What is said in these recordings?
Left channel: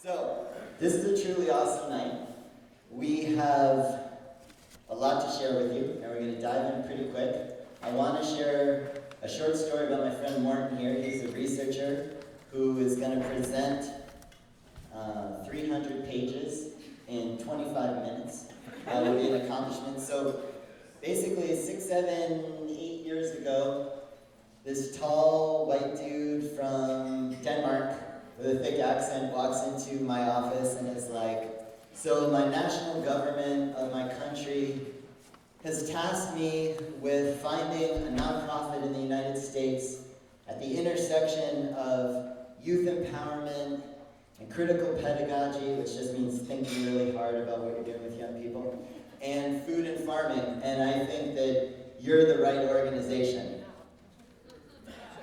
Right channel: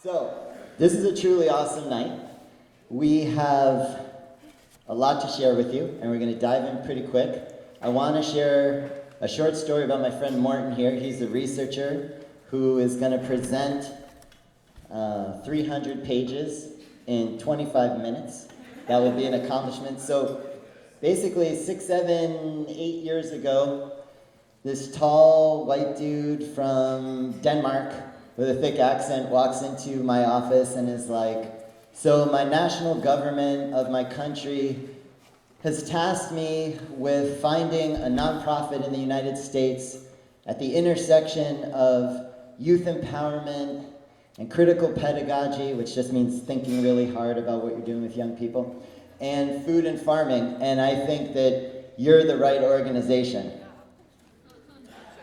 So, this is a truly awesome night. We have a lot to share with you, and we're going to dive in pretty quick. I want to share a short story about my friend Morton here. He's a researcher who is going to present 300 pages in 25 minutes. That will be an accomplishment. So, basically, 6, 7, 8 years ago, this tall white dude from Denmark with a thick accent walks into my office and is like, so my national government of my country has tasked me with finding a nonprofit in the United States at the intersection of youth empowerment and critical pedagogy, which just means thinking really hard about what you're doing with young people, and food and farming, and I think that you're the right organization.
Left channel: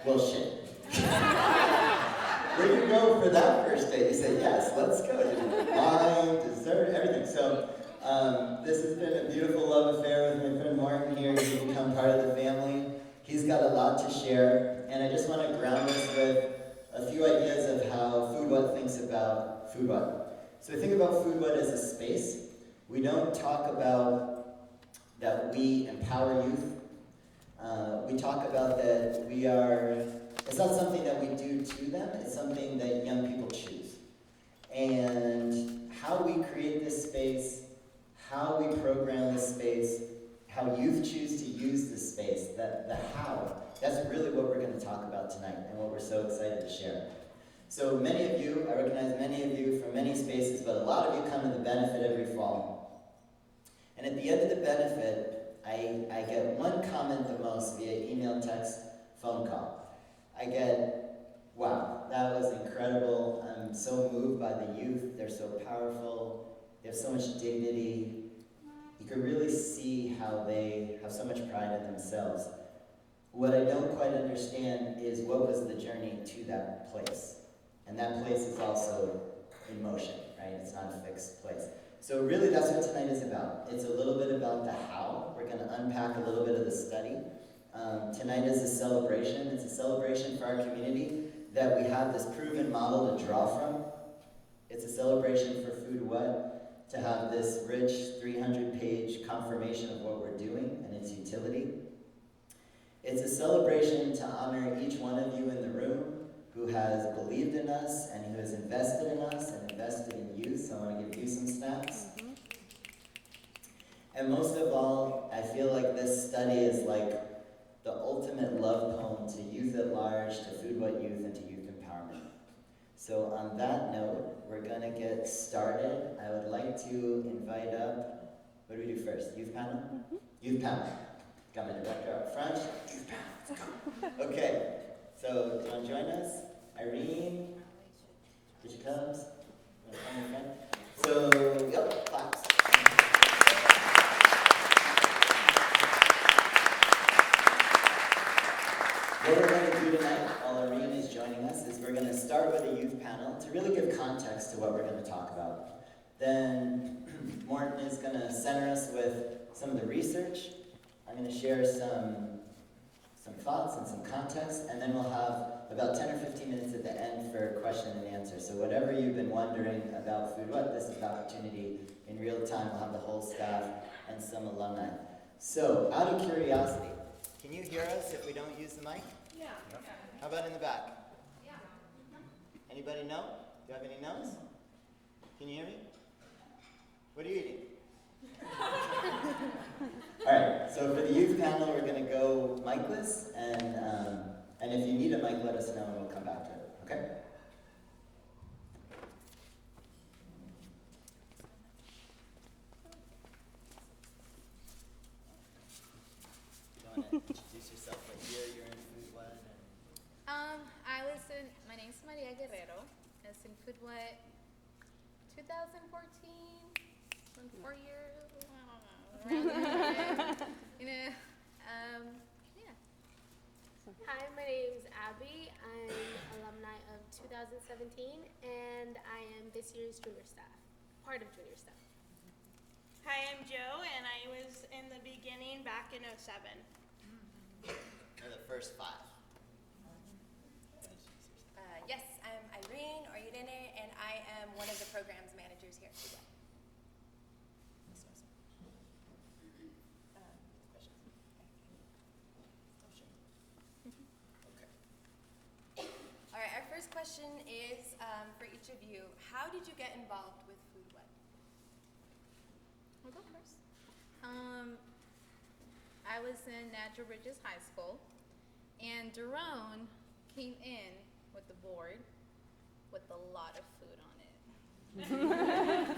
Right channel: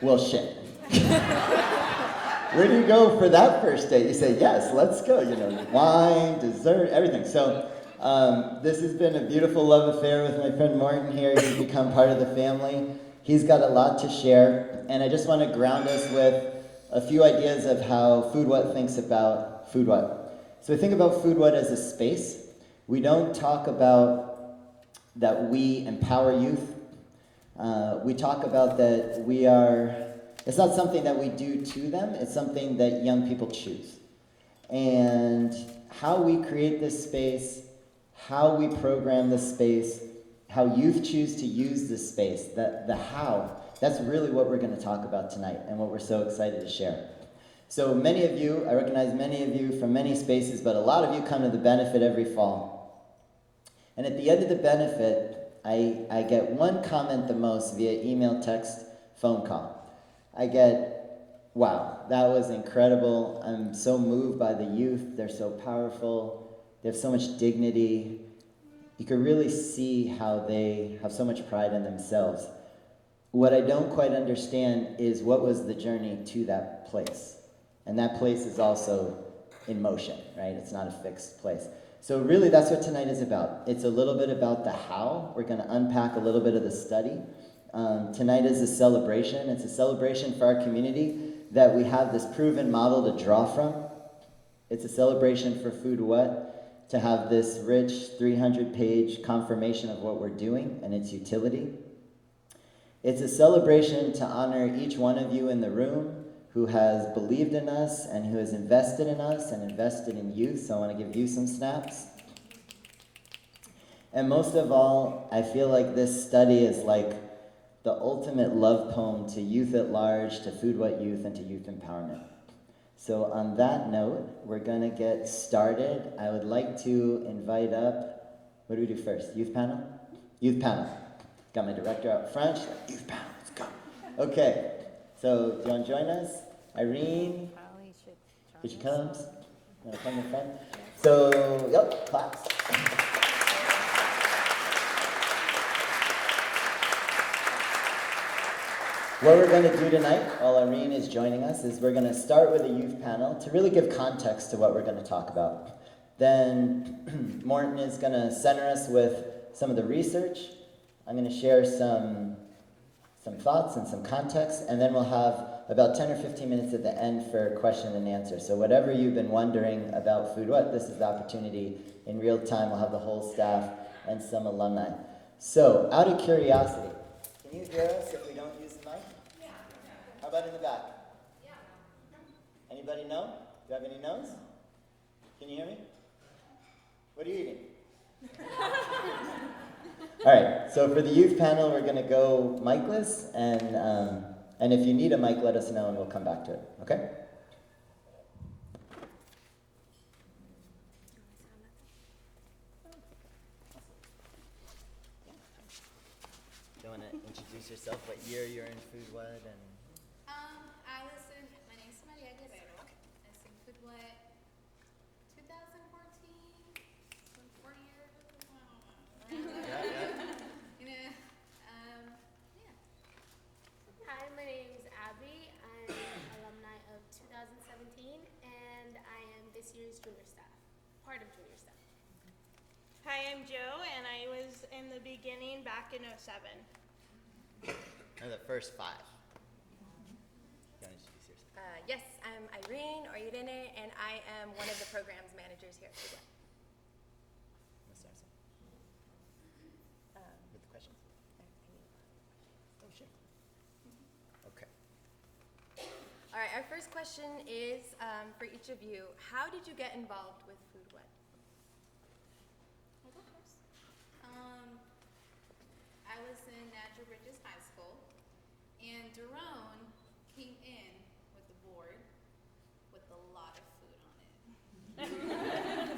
Well, shit. Where do you go for that first date? You say, yes, let's go. You know, wine, dessert, everything. So this has been a beautiful love affair with my friend Morton here. He's become part of the family. He's got a lot to share. And I just want to ground us with a few ideas of how Food What thinks about Food What. So we think about Food What as a space. We don't talk about that we empower youth. We talk about that we are, it's not something that we do to them, it's something that young people choose. And how we create this space, how we program this space, how youth choose to use this space, the how, that's really what we're going to talk about tonight and what we're so excited to share. So many of you, I recognize many of you from many spaces, but a lot of you come to the benefit every fall. And at the end of the benefit, I get one comment the most via email, text, phone call. I get, wow, that was incredible. I'm so moved by the youth. They're so powerful. They have so much dignity. You can really see how they have so much pride in themselves. What I don't quite understand is what was the journey to that place. And that place is also in motion, right? It's not a fixed place. So really that's what tonight is about. It's a little bit about the how. We're going to unpack a little bit of the study. Tonight is a celebration. It's a celebration for our community that we have this proven model to draw from. It's a celebration for Food What to have this rich 300-page confirmation of what we're doing and its utility. It's a celebration to honor each one of you in the room who has believed in us and who has invested in us and invested in youth. So I want to give you some snaps. And most of all, I feel like this study is like the ultimate love poem to youth at large, to Food What youth, and to youth empowerment. So on that note, we're going to get started. I would like to invite up, what do we do first? Youth panel? Youth panel. Got my director up front. Youth panel, let's go. Okay, so do you want to join us? Irene? Here she comes. You want to come in front? So, yep, claps. What we're going to do tonight, while Irene is joining us, is we're going to start with a youth panel to really give context to what we're going to talk about. Then Morton is going to center us with some of the research. I'm going to share some thoughts and some context, and then we'll have about 10 or 15 minutes at the end for question and answer. So whatever you've been wondering about Food What, this is the opportunity. In real time, we'll have the whole staff and some alumni. So, out of curiosity, can you hear us if we don't use the mic? Yeah. How about in the back? Yeah. Anybody know? Do you have any no's? Can you hear me? What are you eating? All right, so for the youth panel, we're going to go mic-less, and if you need a mic, let us know, and we'll come back to it, okay? Do you want to introduce yourself, what year you're in Food What? And my name's Maria Guerrero. I was in Food What 2014, so in 4 years. Yeah. Hi, my name's Abby. I'm alumni of 2017, and I am this year's junior staff, part of junior staff. Hi, I'm Joe, and I was in the beginning back in 07. Or the first 5. You want to introduce yourself? Yes, I'm Irene or Irene, and I am one of the programs managers here at Cruz. Mr. Arson. With the questions. Oh, sure. Okay. All right, our first question is for each of you. How did you get involved with Food What? I'll go first. I was in Natural Bridges High School, and Daron came in with the board with a lot of food on it.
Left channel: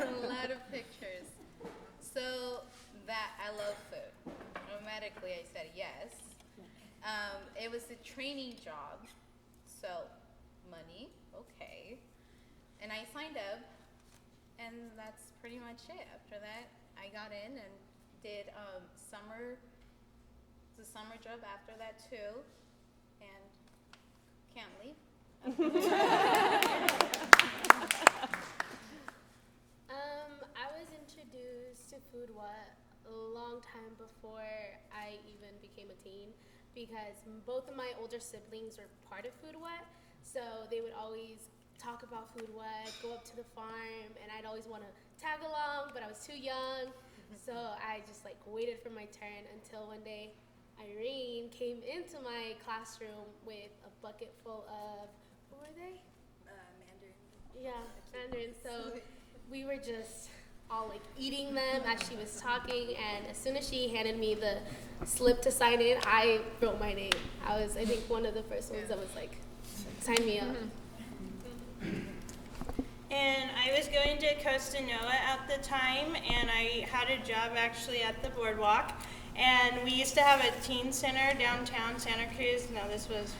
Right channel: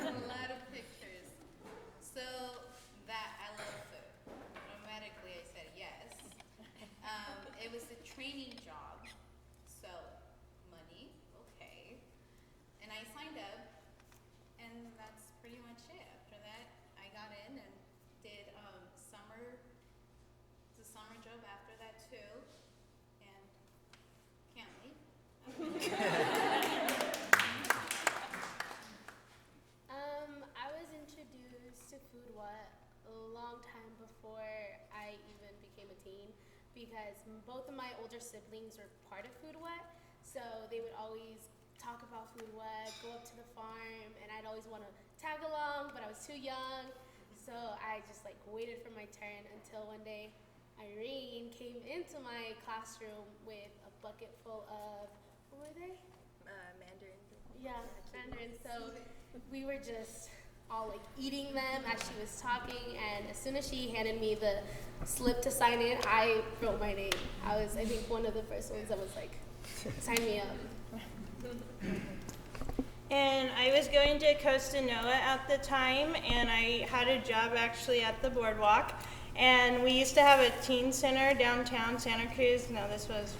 A lot of pictures. So that I love food. Automatically I said yes. It was a training job, so money, okay. And I signed up, and that's pretty much it. After that, I got in and did the summer job after that too, and can't leave. I was introduced to Food What a long time before I even became a teen, because both of my older siblings were part of Food What, so they would always talk about Food What, go up to the farm, and I'd always want to tag along, but I was too young, so I just like waited for my turn until one day Irene came into my classroom with a bucket full of, what were they? Mandarin. Yeah, mandarin. So we were just all like eating them as she was talking, and as soon as she handed me the slip to sign in, I wrote my name. I think, one of the first ones that was like, sign me up. And I was going to Costa Noa at the time, and I had a job actually at the boardwalk. And we used to have a teen center downtown Santa Cruz. No, this was,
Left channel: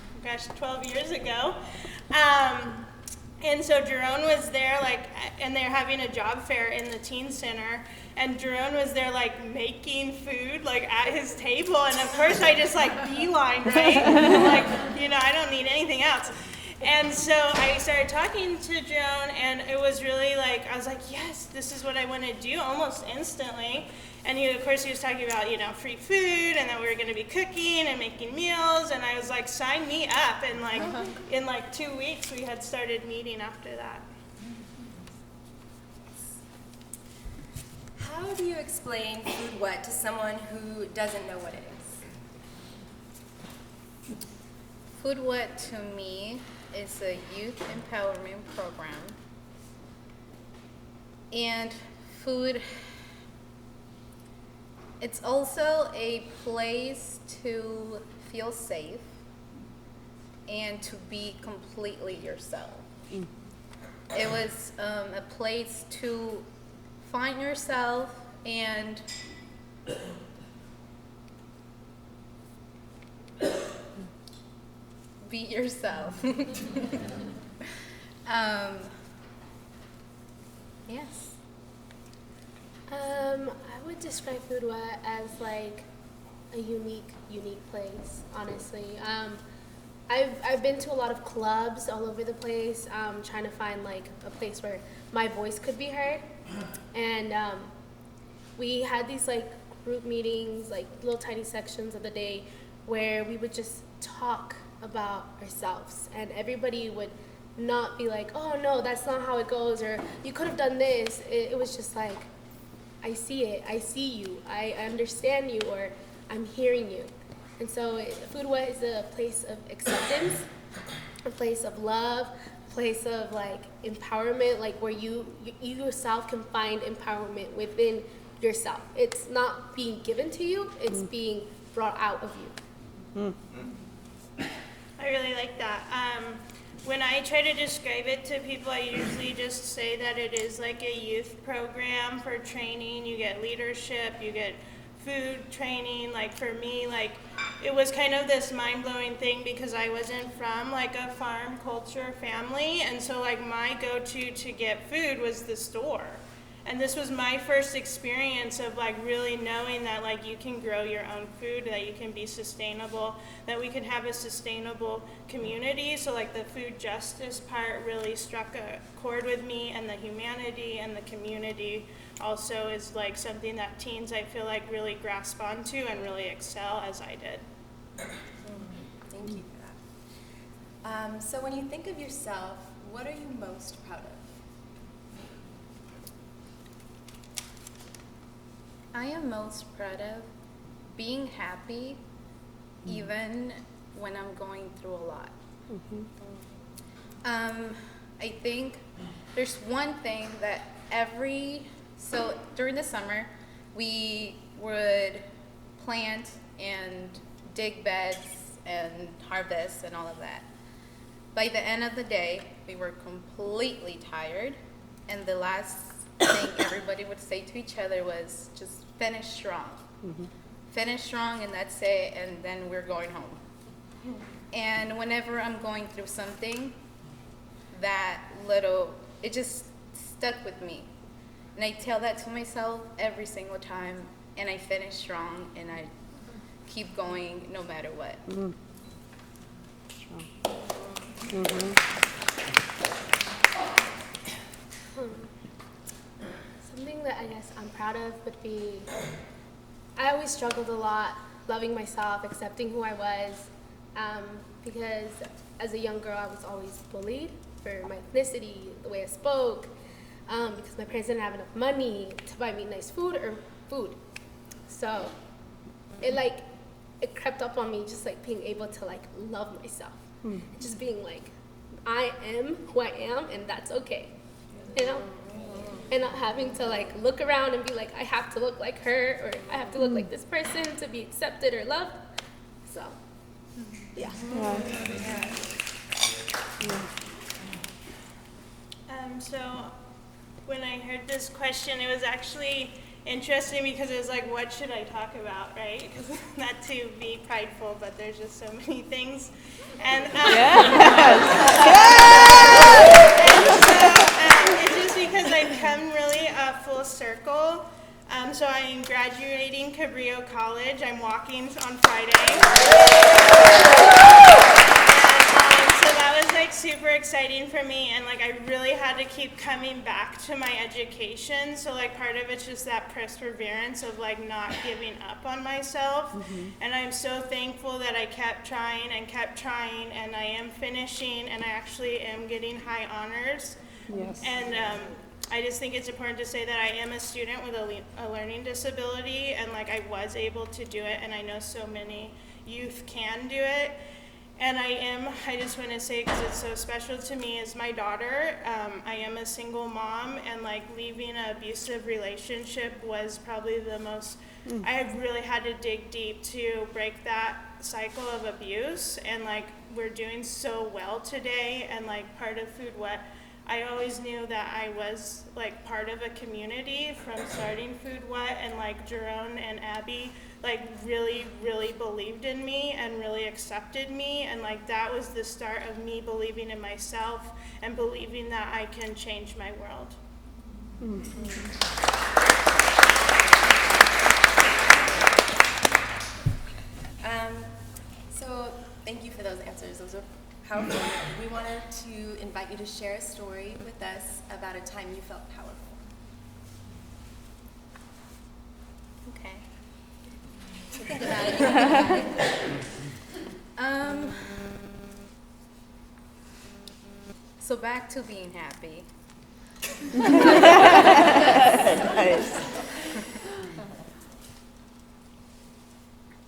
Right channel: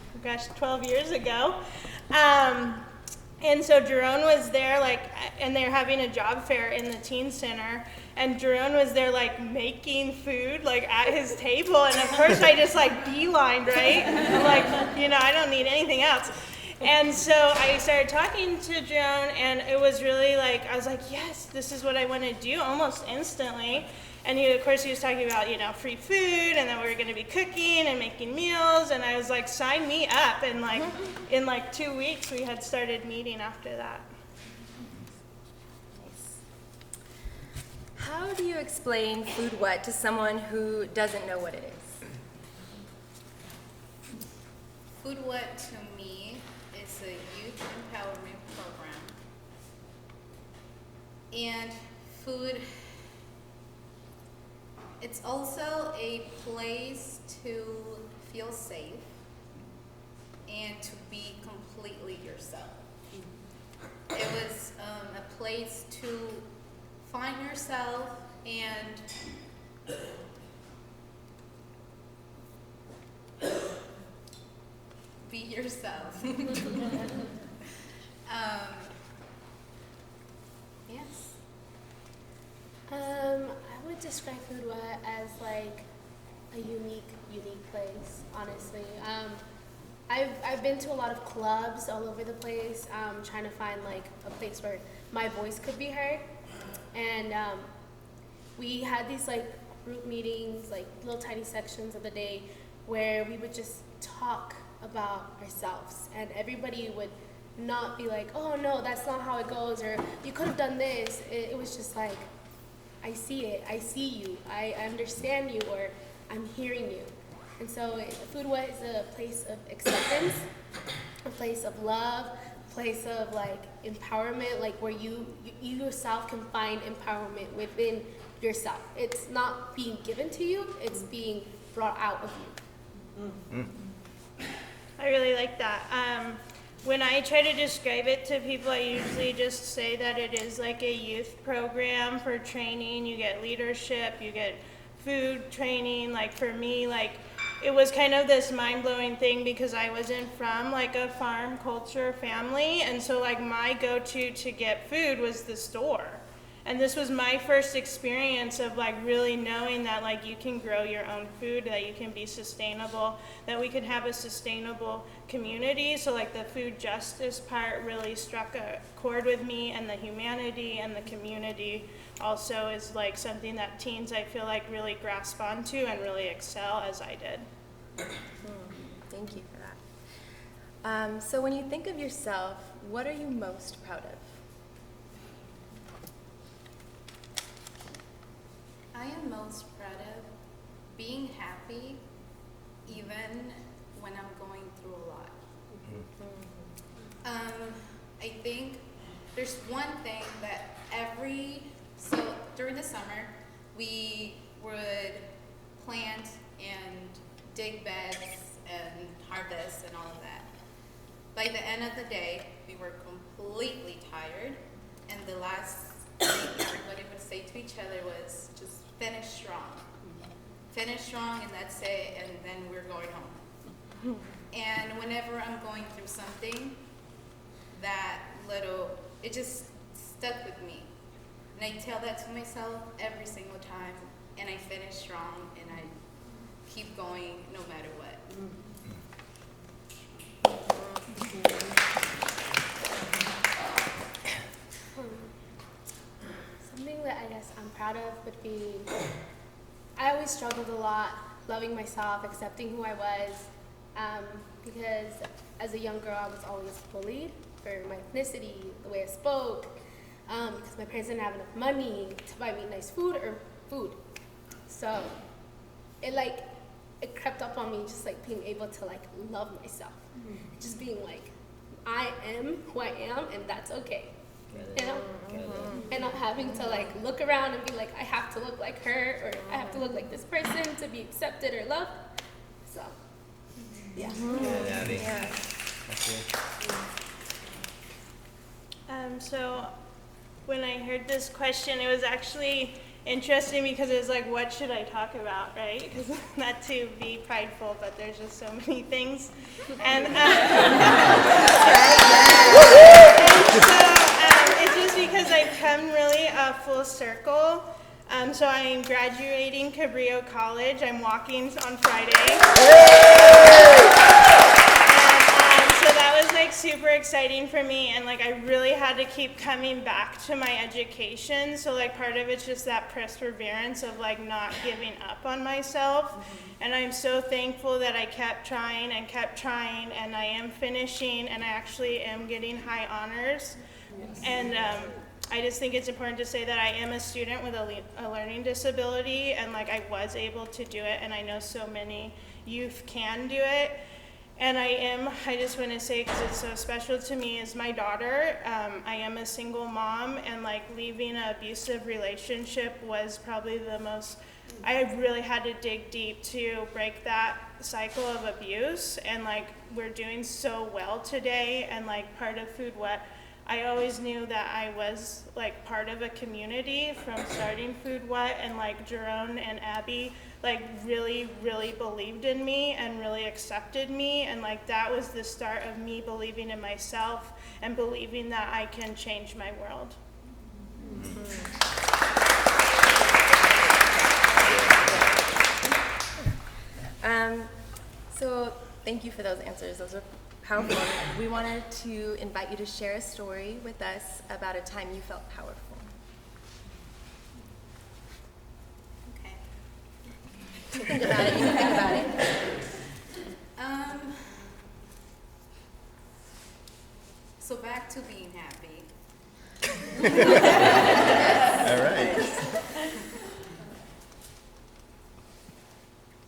12 years ago. And so Jerome was there, like, and they're having a job fair in the teen center. And Jerome was there, like, making food, like, at his table. And of course, I just, like, beelined, right? I'm like, I don't need anything else. And so I started talking to Joan, and it was really like, I was like, yes, this is what I want to do almost instantly. And of course, he was talking about, free food, and that we were going to be cooking and making meals. And I was like, sign me up. And like, in like 2 weeks, we had started meeting after that. How do you explain Food What to someone who doesn't know what it is? Food What to me is a youth empowerment program. And food, it's also a place to feel safe and to be completely yourself. It was a place to find yourself and be yourself. Yes. I would describe Food What as like a unique place, honestly. I've been to a lot of clubs all over the place, trying to find like a place where my voice could be heard. And we had these like group meetings, like little tiny sections of the day where we would just talk about ourselves, and everybody would not be like, oh no, that's not how it goes, or you could have done this. It was just like, I see it, I see you, I understand you, or I'm hearing you. And so Food What is a place of acceptance, a place of love, a place of like empowerment, like where you yourself can find empowerment within yourself. It's not being given to you, it's being brought out of you. I really like that. When I try to describe it to people, I usually just say that it is like a youth program for training. You get leadership, you get food training. Like for me, like it was kind of this mind-blowing thing because I wasn't from like a farm culture family, and so like my go-to to get food was the store. And this was my first experience of like really knowing that like you can grow your own food, that you can be sustainable, that we can have a sustainable community. So like the food justice part really struck a chord with me, and the humanity and the community also is like something that teens I feel like really grasp onto and really excel as I did. Thank you for that. So when you think of yourself, what are you most proud of? I am most proud of being happy even when I'm going through a lot. I think there's one thing that so during the summer, we would plant and dig beds and harvest and all of that. By the end of the day, we were completely tired, and the last thing everybody would say to each other was just finish strong. Finish strong, and that's it, and then we're going home. And whenever I'm going through something, it just stuck with me. And I tell that to myself every single time, and I finish strong, and I keep going no matter what. Something that I guess I'm proud of would be, I always struggled a lot loving myself, accepting who I was, because as a young girl I was always bullied for my ethnicity, the way I spoke, because my parents didn't have enough money to buy me nice food. So it crept up on me, just like being able to like love myself, just being like, I am who I am, and that's okay, you know, and not having to like look around and be like, I have to look like her, or I have to look like this person to be accepted or loved. So yeah. So when I heard this question, it was actually interesting because it was like, what should I talk about, right? Because not to be prideful, but there's just so many things. And, it's just because I've come really full circle. So I'm graduating Cabrillo College. I'm walking on Friday. So that was like super exciting for me, and like I really had to keep coming back to my education. So like part of it's just that perseverance of like not giving up on myself. And I'm so thankful that I kept trying, and I am finishing, and I actually am getting high honors. And I just think it's important to say that I am a student with a learning disability, and like I was able to do it, and I know so many youth can do it. And I just want to say, because it's so special to me, is my daughter. I am a single mom, and like leaving an abusive relationship was probably the most, I really had to dig deep to break that cycle of abuse. And like we're doing so well today, and like part of Food What, I always knew that I was like part of a community from starting Food What, and like Jerome and Abby like really, really believed in me and really accepted me, and like that was the start of me believing in myself and believing that I can change my world. So thank you for those answers. Those are powerful. We wanted to invite you to share a story with us about a time you felt powerful. Okay. Think about it. You can think about it. So back to being happy. All right.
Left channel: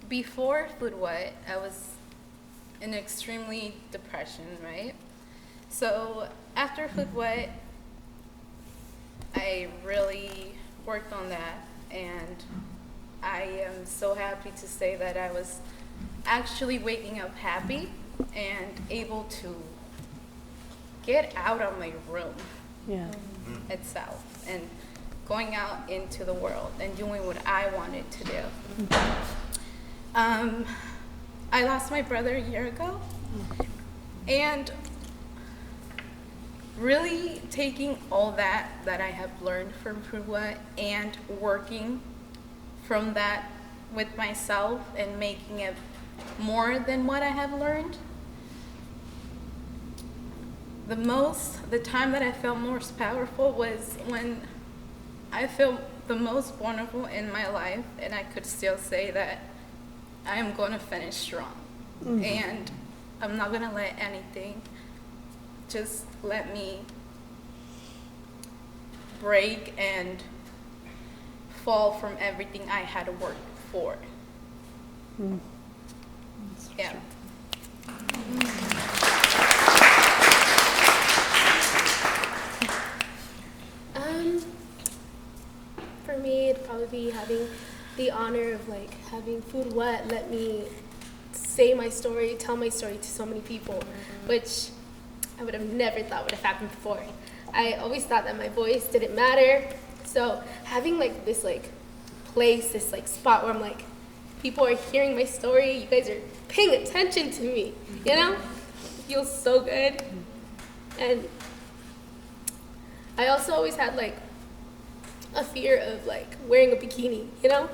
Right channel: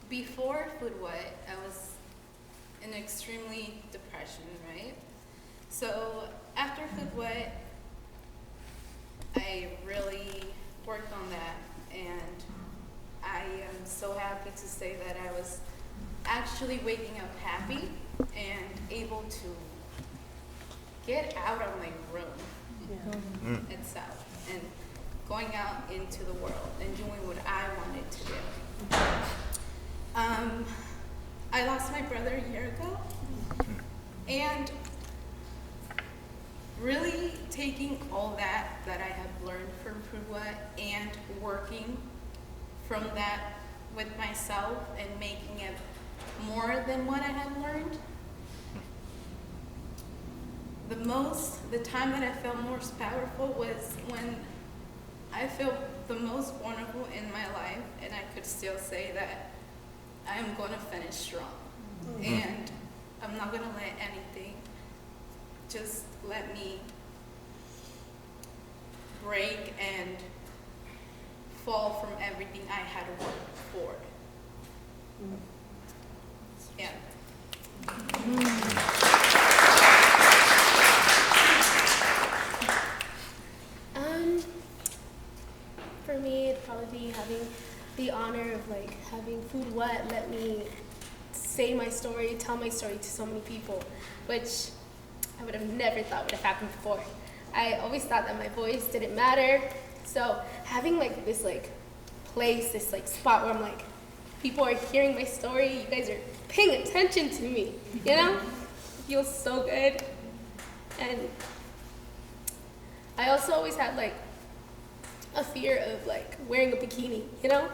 Before Food What, I was in extremely depression, right? So after Food What, I really worked on that, and I am so happy to say that I was actually waking up happy and able to get out of my room itself and going out into the world and doing what I wanted to do. I lost my brother a year ago, and really taking all that I have learned from Food What and working from that with myself and making it more than what I have learned. The time that I felt most powerful was when I felt the most vulnerable in my life, and I could still say that I am going to finish strong. And I'm not going to let anything just let me break and fall from everything I had worked for. Yeah. For me, it'd probably be having the honor of like having Food What let me say my story, tell my story to so many people, which I would have never thought would have happened before. I always thought that my voice didn't matter. So having like this like place, this like spot where I'm like, people are hearing my story, you guys are paying attention to me, you know? It feels so good. And I also always had like a fear of like wearing a bikini, you know?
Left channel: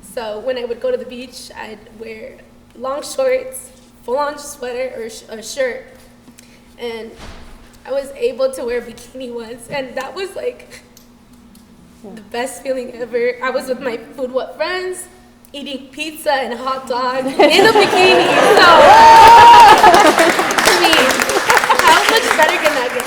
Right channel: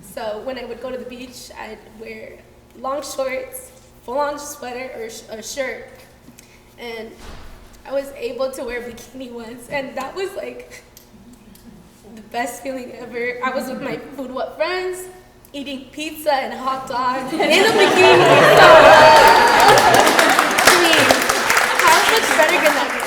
So when I would go to the beach, I'd wear long shorts, full-on sweater or a shirt. And I was able to wear a bikini once, and that was like the best feeling ever. I was with my Food What friends, eating pizza and a hot dog in a bikini. So, I mean, how much better can that get?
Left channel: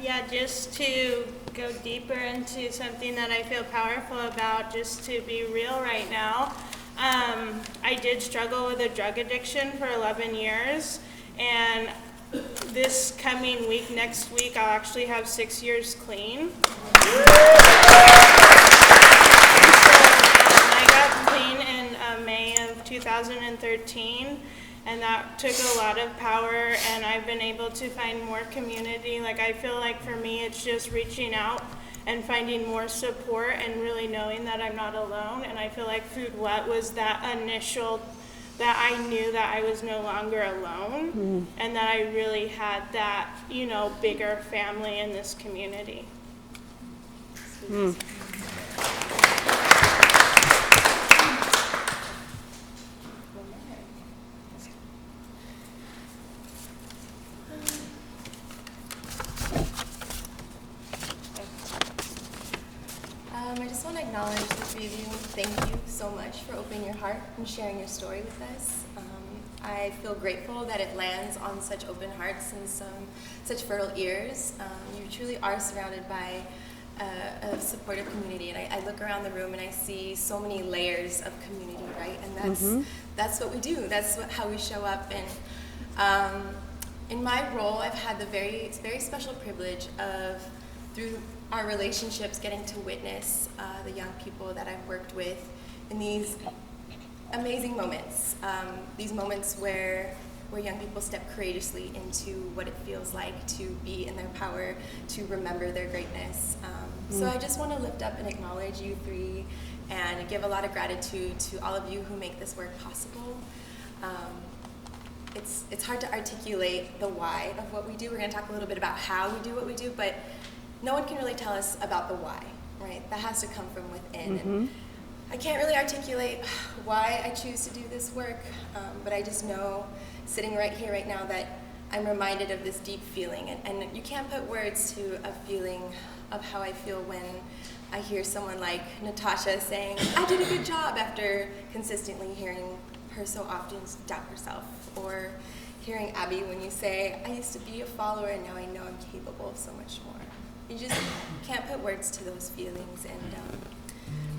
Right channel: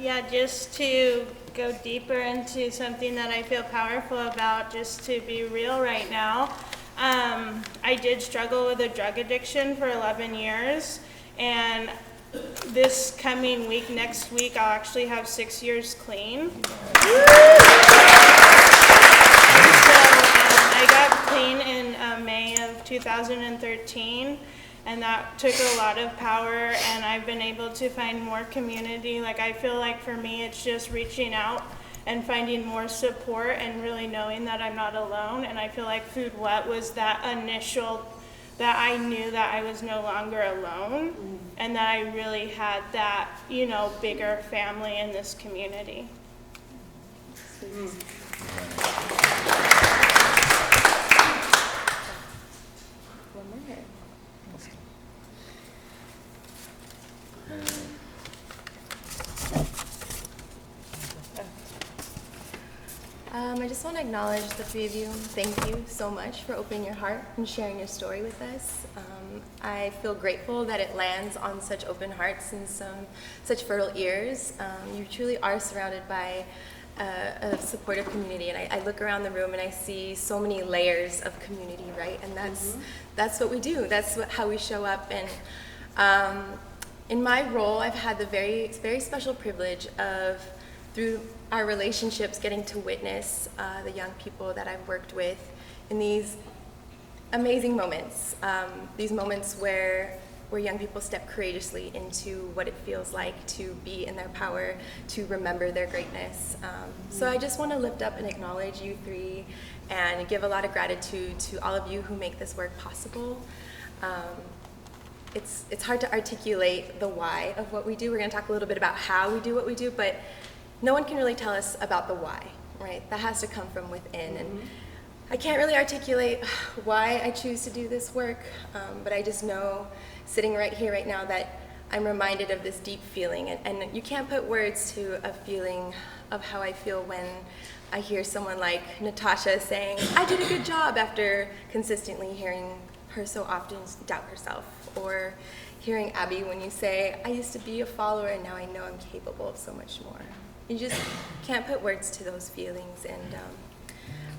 Yeah, just to go deeper into something that I feel powerful about, just to be real right now. I did struggle with a drug addiction for 11 years, and this coming week, next week, I'll actually have 6 years clean. And so I got clean in May of 2013, and that took a lot of power, and I've been able to find more community. Like, I feel like for me, it's just reaching out and finding more support and really knowing that I'm not alone. And I feel like Food What was that initial, that I knew that I was no longer alone, and that I really had that, you know, bigger family in this community. I just want to acknowledge the three of you. Thank you so much for opening your heart and sharing your story with us. I feel grateful that it lands on such open hearts and such fertile ears. You truly are surrounded by a supportive community, and I look around the room and I see so many layers of community, right? And that's what we do. That's how we show up. And in my role, I've had the very, very special privilege of, through our relationships, getting to witness the young people that I've worked with in these amazing moments, these moments where young people step courageously into what it feels like to be in their power, to remember their greatness. So I just want to lift up and acknowledge you three and give a lot of gratitude to all of you who make this work possible. It's hard to articulate the why of what we do. We're going to talk a little bit about how we do what we do, but no one can really tell us about the why, right? That has to come from within. And I can't really articulate why I choose to do this work, but I just know, sitting right here, right now, that I'm reminded of this deep feeling. And you can't put words to a feeling of how I feel when I hear someone like Natasha saying, I did a good job, after consistently hearing her so often doubt herself. Or hearing Abby when you say, I used to be a follower and now I know I'm capable of so much more. You just can't put words to those feelings, and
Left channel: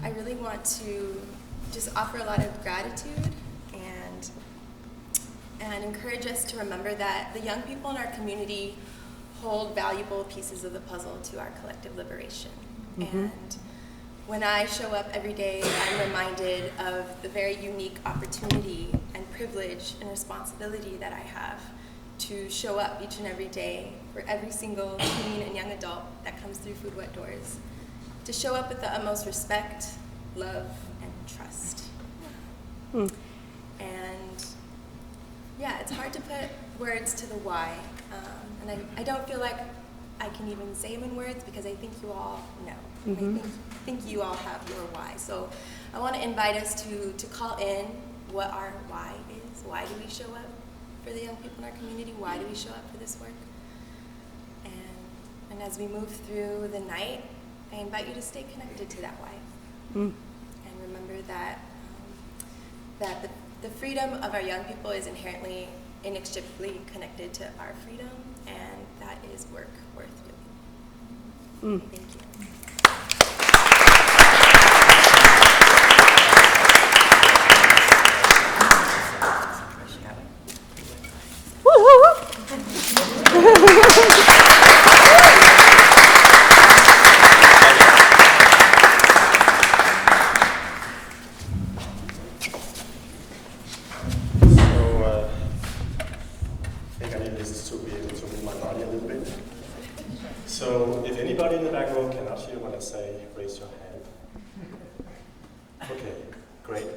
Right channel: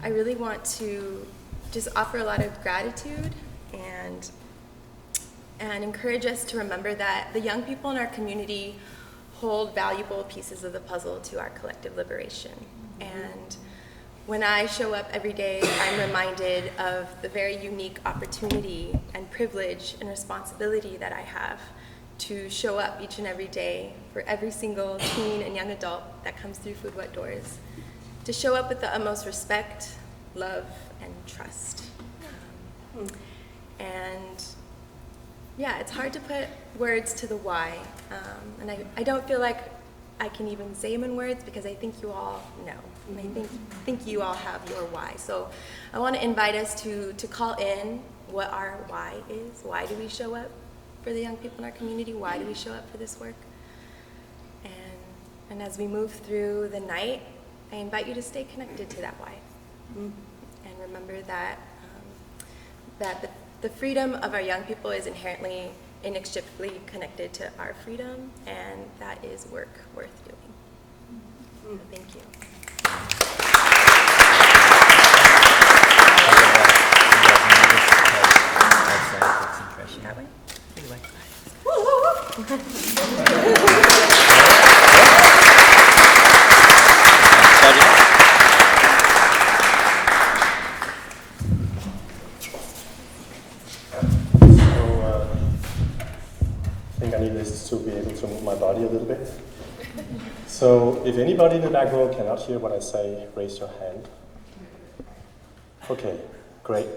I really want to just offer a lot of gratitude and encourage us to remember that the young people in our community hold valuable pieces of the puzzle to our collective liberation. And when I show up every day, I'm reminded of the very unique opportunity and privilege and responsibility that I have to show up each and every day for every single teen and young adult that comes through Food What doors, to show up with the utmost respect, love, and trust. And yeah, it's hard to put words to the why, and I don't feel like I can even say them in words, because I think you all know. I think you all have your why. So I want to invite us to call in what our why is. Why do we show up for the young people in our community? Why do we show up for this work? And as we move through the night, I invite you to stay connected to that why. And remember that that the freedom of our young people is inherently inextricably connected to our freedom, and that is work worth doing. Thank you. I think I need this to be able to move my body a little bit. So if anybody in the back row cannot hear what I say, raise your hand. Okay, great.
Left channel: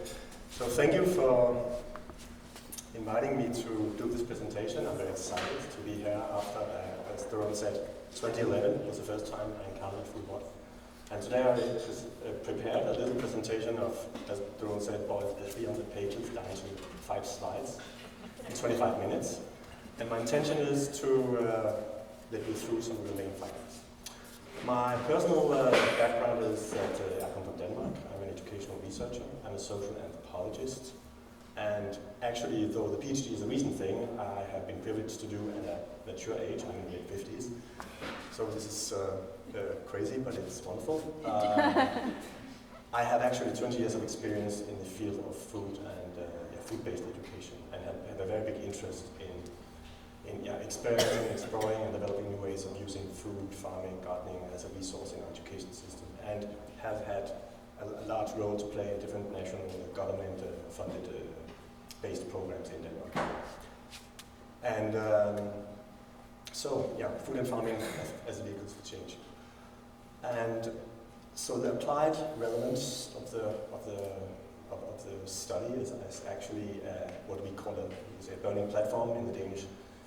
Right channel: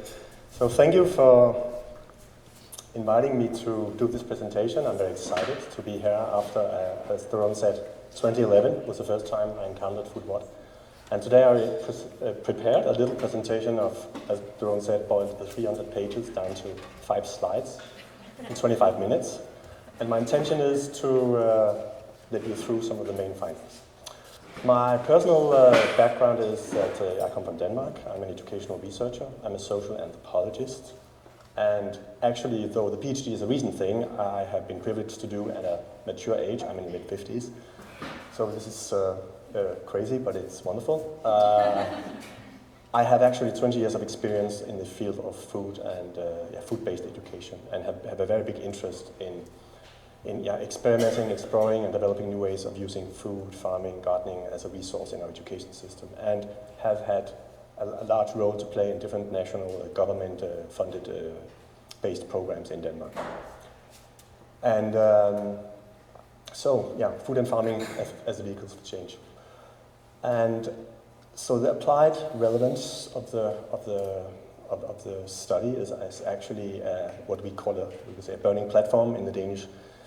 So thank you for inviting me to do this presentation. I'm very excited to be here after, as Daron said, 2011 was the first time I encountered football. And today I prepared a little presentation of, as Daron said, boiled the 300 pages down to 5 slides in 25 minutes. And my intention is to let you through some of the main findings. My personal background is that I come from Denmark. I'm an educational researcher. I'm a social anthropologist. And actually, though the PhD is a recent thing, I have been privileged to do at a mature age. I'm in the mid-50s. So this is crazy, but it's wonderful. I have actually 20 years of experience in the field of food and food-based education, and have a very big interest in experimenting, exploring, and developing new ways of using food, farming, gardening as a resource in our education system, and have had a large role to play in different national government-funded based programs in Denmark. And food and farming as the vehicles for change. And so the applied relevance of the study is actually what we call a burning platform in the Danish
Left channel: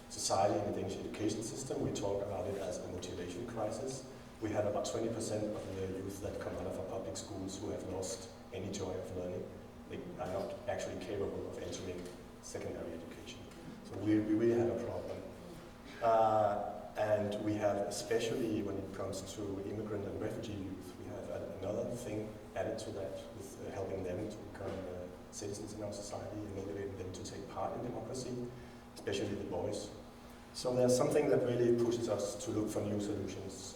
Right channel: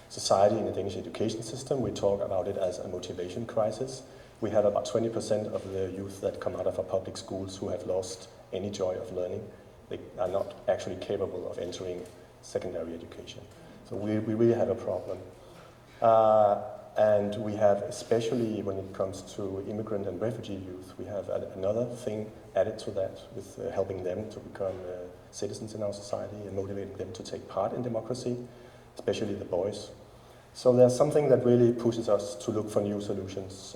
society, in the Danish education system. We talk about it as a motivation crisis. We have about 20% of the youth that come out of our public schools who have lost any joy of learning. They are not actually capable of entering secondary education. So we really have a problem. And we have, especially when it comes to immigrant and refugee youth, we have another thing added to that with helping them to become citizens in our society and motivating them to take part in democracy, especially the boys. So there's something that really pushes us to look for new solutions.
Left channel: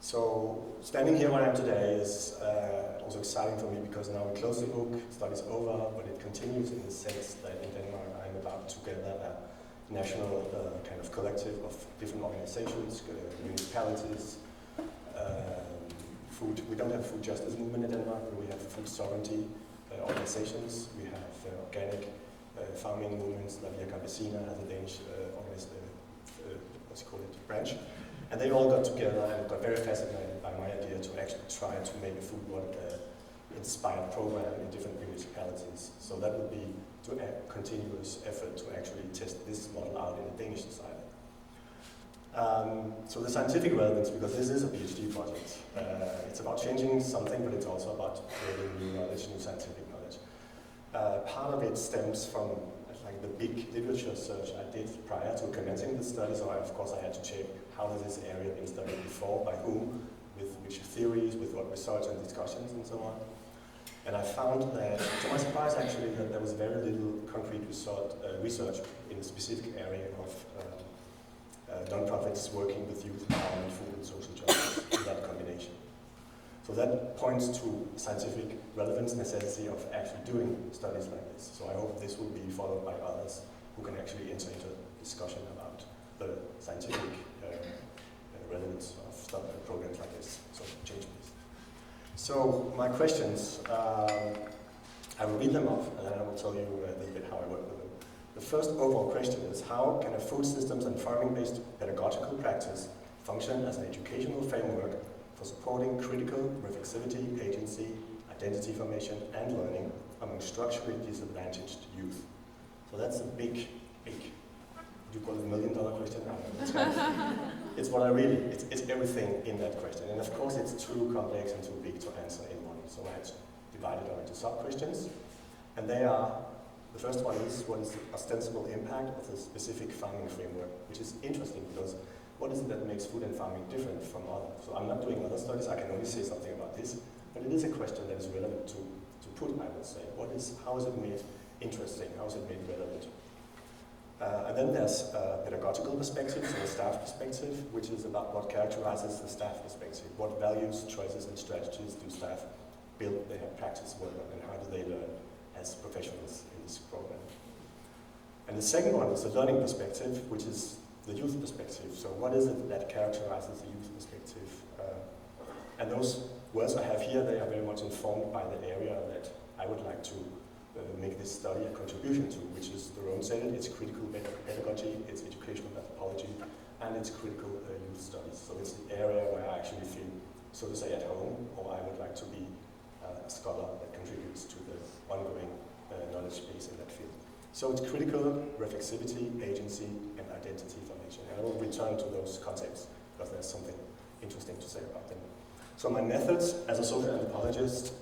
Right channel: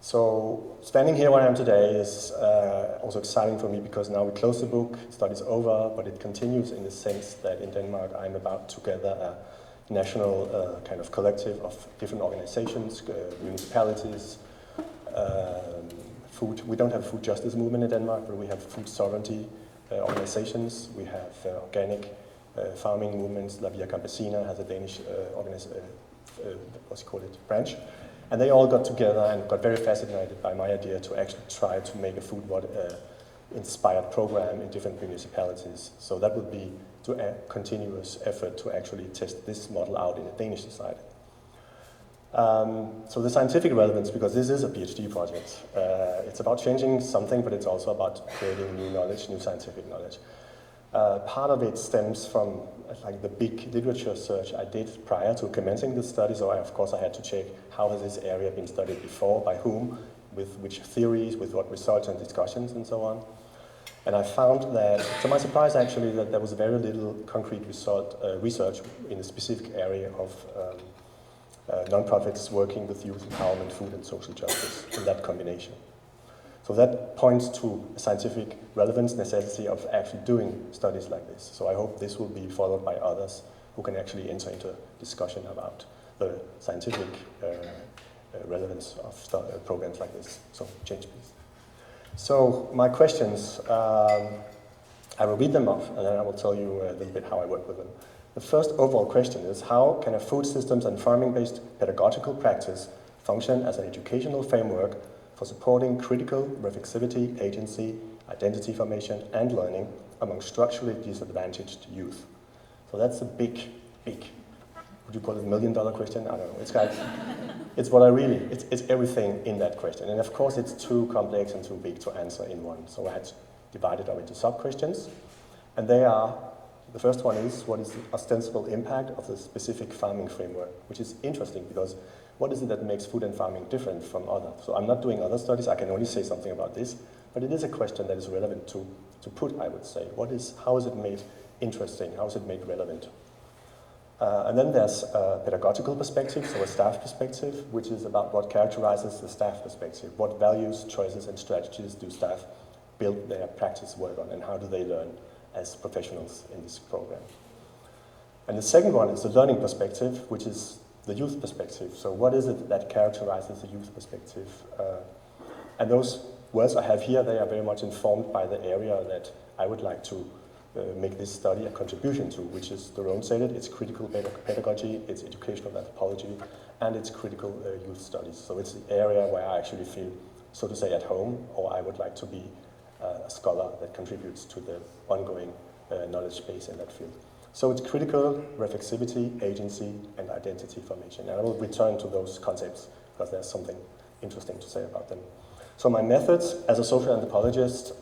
So standing here where I am today is also exciting for me because now we close the book, study's over, but it continues in the sense that in Denmark I'm about to gather a national kind of collective of different organizations, municipalities, food. We don't have a food justice movement in Denmark, but we have food sovereignty organizations. We have organic farming movements. La Via Campesina has a Danish branch. And they all got together and got very fascinated by my idea to actually try to make a food-inspired program in different municipalities. So that would be a continuous effort to actually test this model out in a Danish society. So the scientific relevance, because this is a PhD project, it's about changing something, but it's also about creating new knowledge, new scientific knowledge. Part of it stems from the big literature search I did prior to commencing this study, so of course I had to check how has this area been studied before, by whom, with which theories, with what results and discussions and so on. And I found that, to my surprise actually, that there was very little concrete research in the specific area of non-profits working with youth empowerment, food and social justice in that combination. So that points to a scientific relevance necessity of actually doing studies like this. So I hope this will be followed by others who can actually enter into discussion about the scientific relevance of programs like this. So change please. So my questions, I will read them off and then I will tell you a little bit how I work with them. The first overall question is, how can a food systems and farming-based pedagogical practice function as an educational framework for supporting critical reflexivity, agency, identity formation, and learning among structurally disadvantaged youth? So that's a big, would you call it $1 million question? I don't know. It's kind of, it's what I really, it's everything in that question. And of course, it's too complex and too big to answer in one. So I had to divide it up into sub-questions. And they are, the first one is, what is the ostensible impact of the specific farming framework? Which is interesting because what is it that makes food and farming different from others? So I'm not doing other studies, I can only say something about this, but it is a question that is relevant to put, I would say. How is it made interesting? How is it made relevant? And then there's a pedagogical perspective, so a staff perspective, which is about what characterizes the staff perspective. What values, choices, and strategies do staff build their practice work on, and how do they learn as professionals in this program? And the second one is the learning perspective, which is the youth perspective. So what is it that characterizes the youth perspective? And those words I have here, they are very much informed by the area that I would like to make this study a contribution to, which is, Daron said it, it's critical pedagogy, it's educational anthropology, and it's critical youth studies. So it's the area where I actually feel, so to say, at home, or I would like to be a scholar that contributes to the ongoing knowledge base in that field. So it's critical reflexivity, agency, and identity formation. And I will return to those concepts because there's something interesting to say about them. So my methods as a social anthropologist,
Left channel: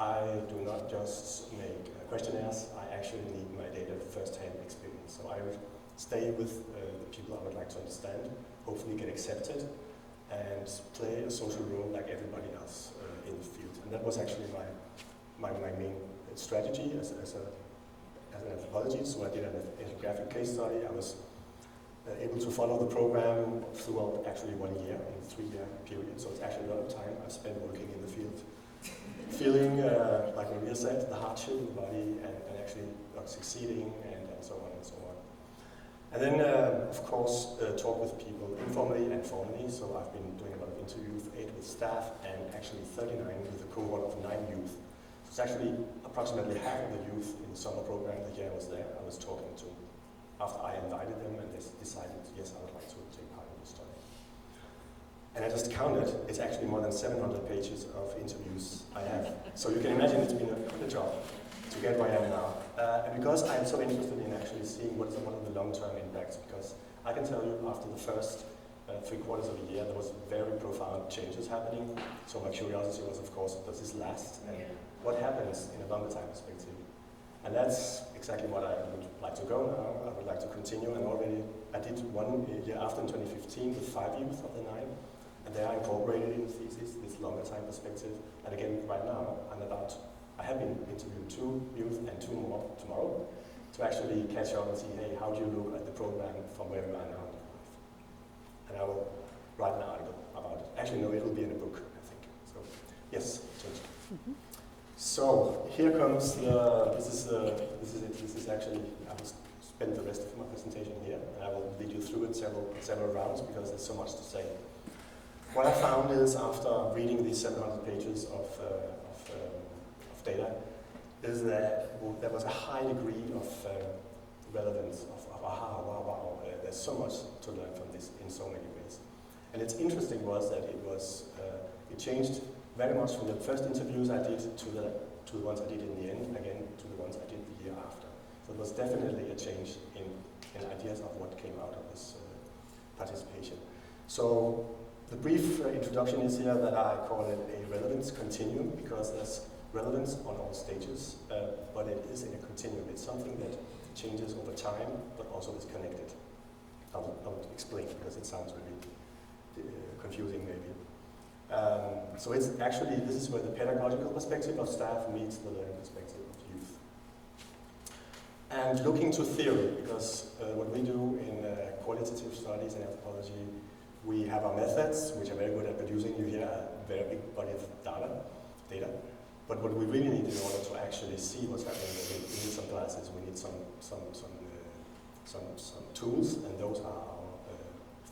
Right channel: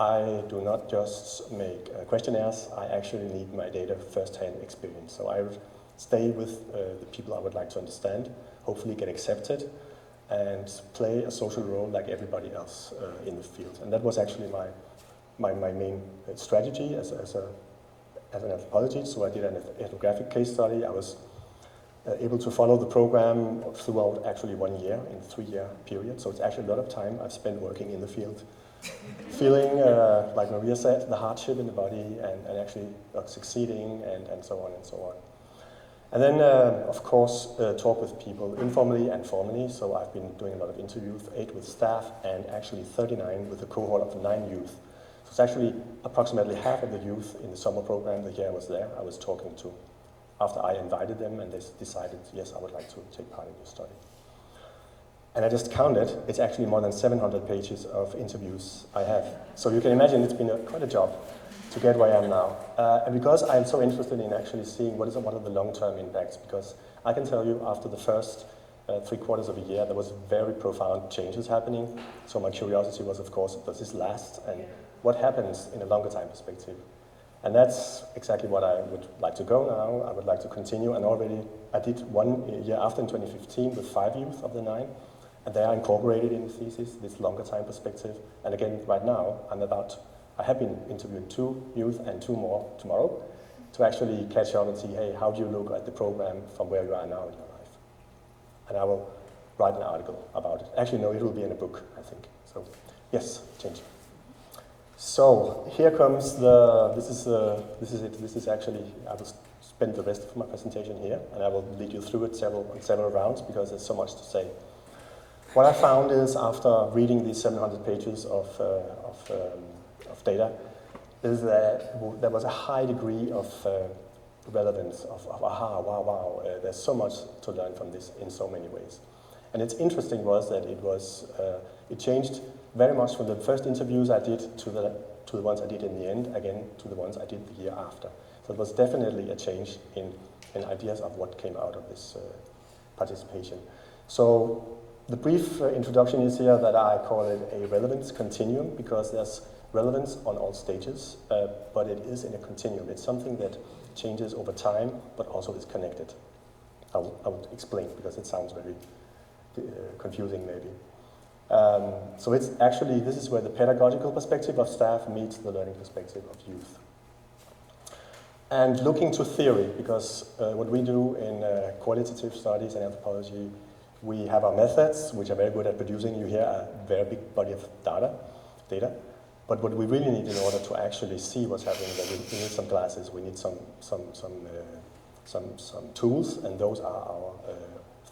I do not just make questionnaires, I actually need my data first-hand experience. So I would stay with the people I would like to understand, hopefully get accepted, and play a social role like everybody else in the field. And that was actually my main strategy as an anthropologist. So I did an ethnographic case study. I was able to follow the program throughout actually 1 year, in a 3-year period. So it's actually a lot of time I've spent working in the field. Feeling, like Maria said, the hardship in the body and actually succeeding and so on and so on. And then, of course, talk with people informally and formally. So I've been doing a lot of interviews, 8 with staff and actually 39 with a cohort of 9 youth. So it's actually approximately half of the youth in the summer program the year I was there, I was talking to after I invited them and they decided, yes, I would like to take part in this study. And I just counted, it's actually more than 700 pages of interviews I have. So you can imagine it's been quite a job to get where I am now. And because I'm so interested in actually seeing what are the long-term impacts, because I can tell you after the first 3/4 of a year, there was very profound changes happening. So my curiosity was, of course, does this last? And what happens in a longer time perspective? And that's exactly what I would like to go now. I would like to continue, and already I did 1 year after in 2015 with 5 youth of the 9. And they are incorporated in the thesis, this longer time perspective. And again, right now, I have been interviewing 2 youth and 2 more tomorrow to actually catch up and see, hey, how do you look at the program from where you are now in your life? And I will write an article about it. Actually, no, it'll be in a book, I think. So, yes, change. So, here comes this is it. This is actually, I will spend the rest of my presentation here, and I will lead you through it several rounds because there's so much to say. What I found is, after reading these 700 pages of data, is that there was a high degree of relevance, of aha, wow, there's so much to learn from this in so many ways. And it's interesting was that it changed very much from the first interviews I did to the ones I did in the end, again to the ones I did the year after. So it was definitely a change in ideas of what came out of this participation. So the brief introduction is here that I call it a relevance continuum, because there's relevance on all stages, but it is in a continuum. It's something that changes over time, but also is connected. I'll explain, because it sounds very confusing maybe. So it's actually, this is where the pedagogical perspective of staff meets the learning perspective of youth. And looking to theory, because what we do in qualitative studies and anthropology, we have our methods, which are very good at producing. You hear a very big body of data. But what we really need in order to actually see what's happening, that we need some glasses, we need some tools, and those are our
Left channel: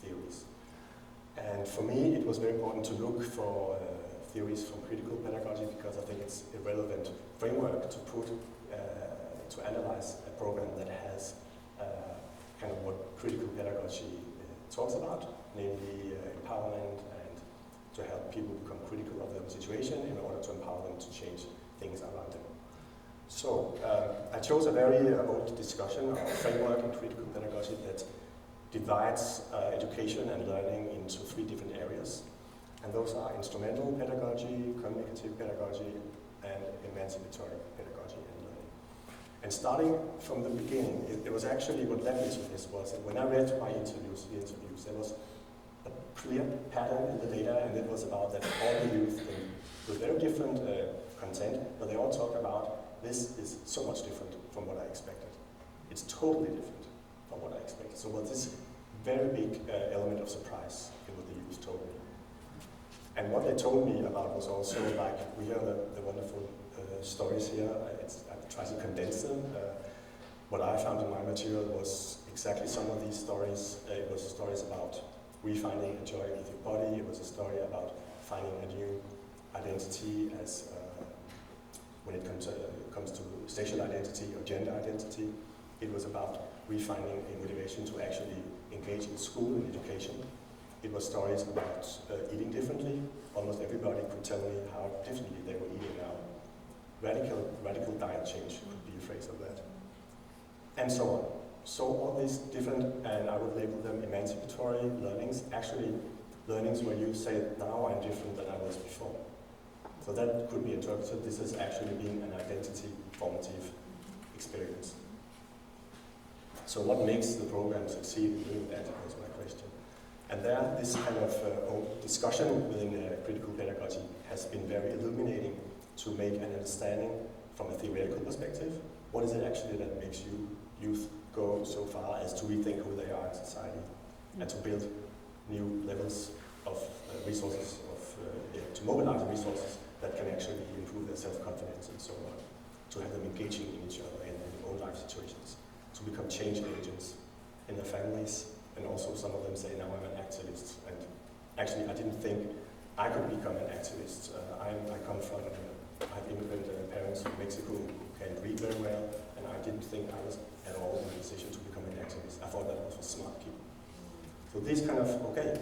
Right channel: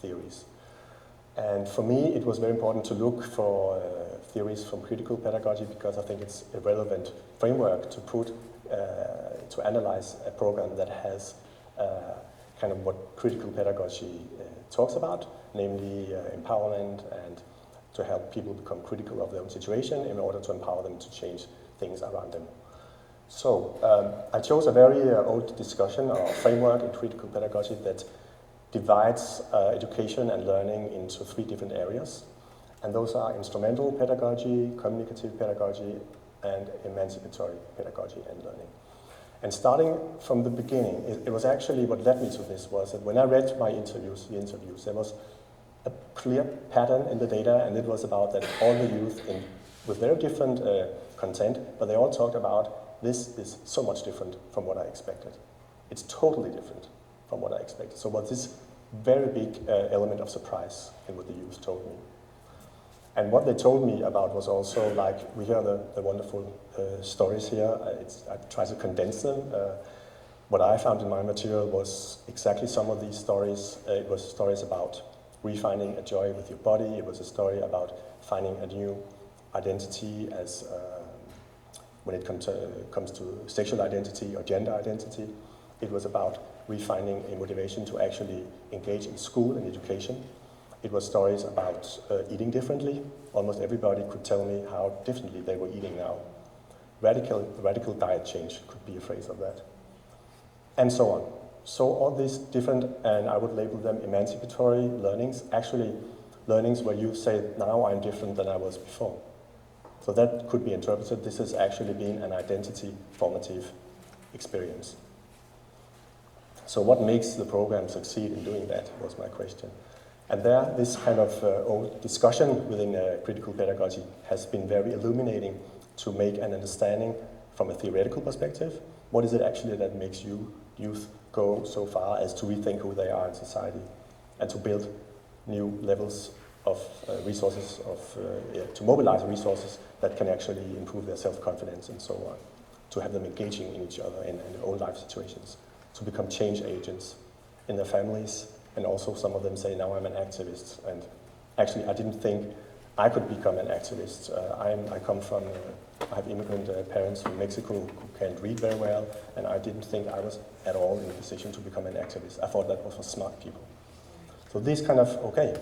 theories. And for me, it was very important to look for theories from critical pedagogy, because I think it's a relevant framework to put to analyze a program that has kind of what critical pedagogy talks about, namely empowerment and to help people become critical of their own situation in order to empower them to change things around them. So I chose a very old discussion or framework in critical pedagogy that divides education and learning into 3 different areas. And those are instrumental pedagogy, communicative pedagogy, and emancipatory pedagogy and learning. And starting from the beginning, it was actually what led me to this was that when I read the interviews, there was a clear pattern in the data, and it was about that all the youth with very different content, but they all talked about this is so much different from what I expected. It's totally different. from what I expected. So what this very big element of surprise in what the youth told me. And what they told me about was also like, we hear the wonderful stories here. I try to condense them. What I found in my material was exactly some of these stories. It was stories about refinding a joy with your body. It was a story about finding a new identity as when it comes to sexual identity or gender identity. It was about refinding a motivation to actually engage in school and education. It was stories about eating differently. Almost everybody could tell me how differently they were eating now. Radical diet change could be a phrase of that. And so on. So all these different, and I would label them emancipatory learnings, actually learnings where you say, now I'm different than I was before. So that could be interpreted, this is actually being an identity formative experience. So what makes the program succeed in doing that was my question. And there, this kind of discussion within critical pedagogy has been very illuminating to make an understanding from a theoretical perspective. What is it actually that makes youth go so far as to rethink who they are in society and to build new levels of resources, to mobilize resources that can actually improve their self-confidence and so on, to have them engaging in each other in their own life situations, to become change agents in their families, and also some of them say, now I'm an activist. And actually, I didn't think I could become an activist. I come from, I have immigrant parents from Mexico who can't read very well, and I didn't think I was at all in a position to become an activist. I thought that was for smart people. So these kind of, okay,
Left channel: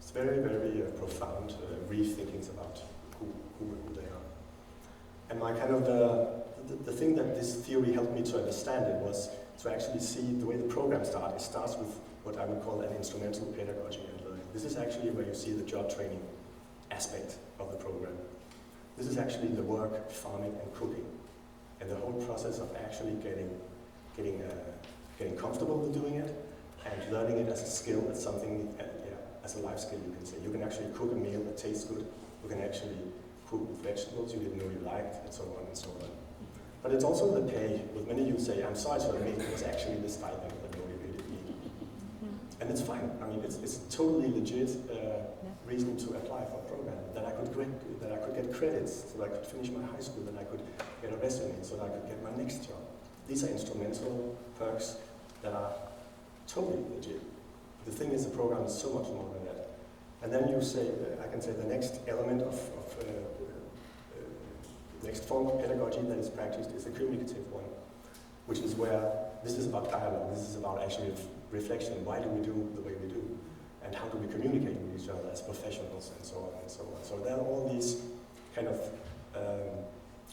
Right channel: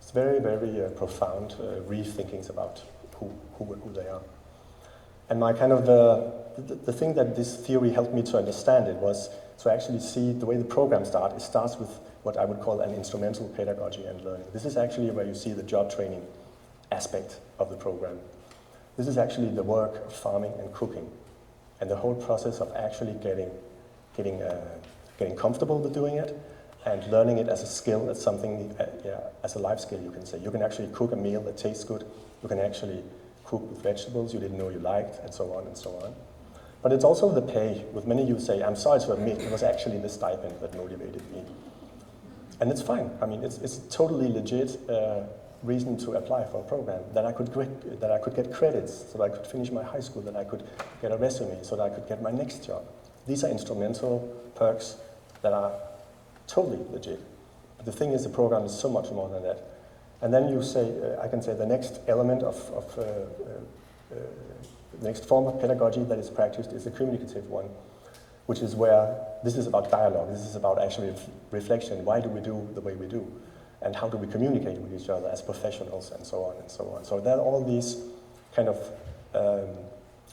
it's very, very profound rethinkings about who they are. And my kind of, the thing that this theory helped me to understand it was to actually see the way the program starts. It starts with what I would call an instrumental pedagogy and learning. This is actually where you see the job training aspect of the program. This is actually the work of farming and cooking, and the whole process of actually getting comfortable with doing it and learning it as a skill, as something, as a life skill, you can say. You can actually cook a meal that tastes good. You can actually cook with vegetables you didn't know you liked, and so on and so on. But it's also the pay. With many you say, I'm sorry to admit, it was actually the stipend that motivated me. And it's fine. I mean, it's a totally legit reason to apply for a program. Then I could get credits, so that I could finish my high school, then I could get a resume, so that I could get my next job. These are instrumental perks that are totally legit. But the thing is, the program is so much more than that. And then you say, I can say the next element of the next form of pedagogy that is practiced is a communicative one, which is where this is about dialogue, this is about actually reflection. Why do we do the way we do? And how do we communicate with each other as professionals, and so on and so on. So there are all these kind of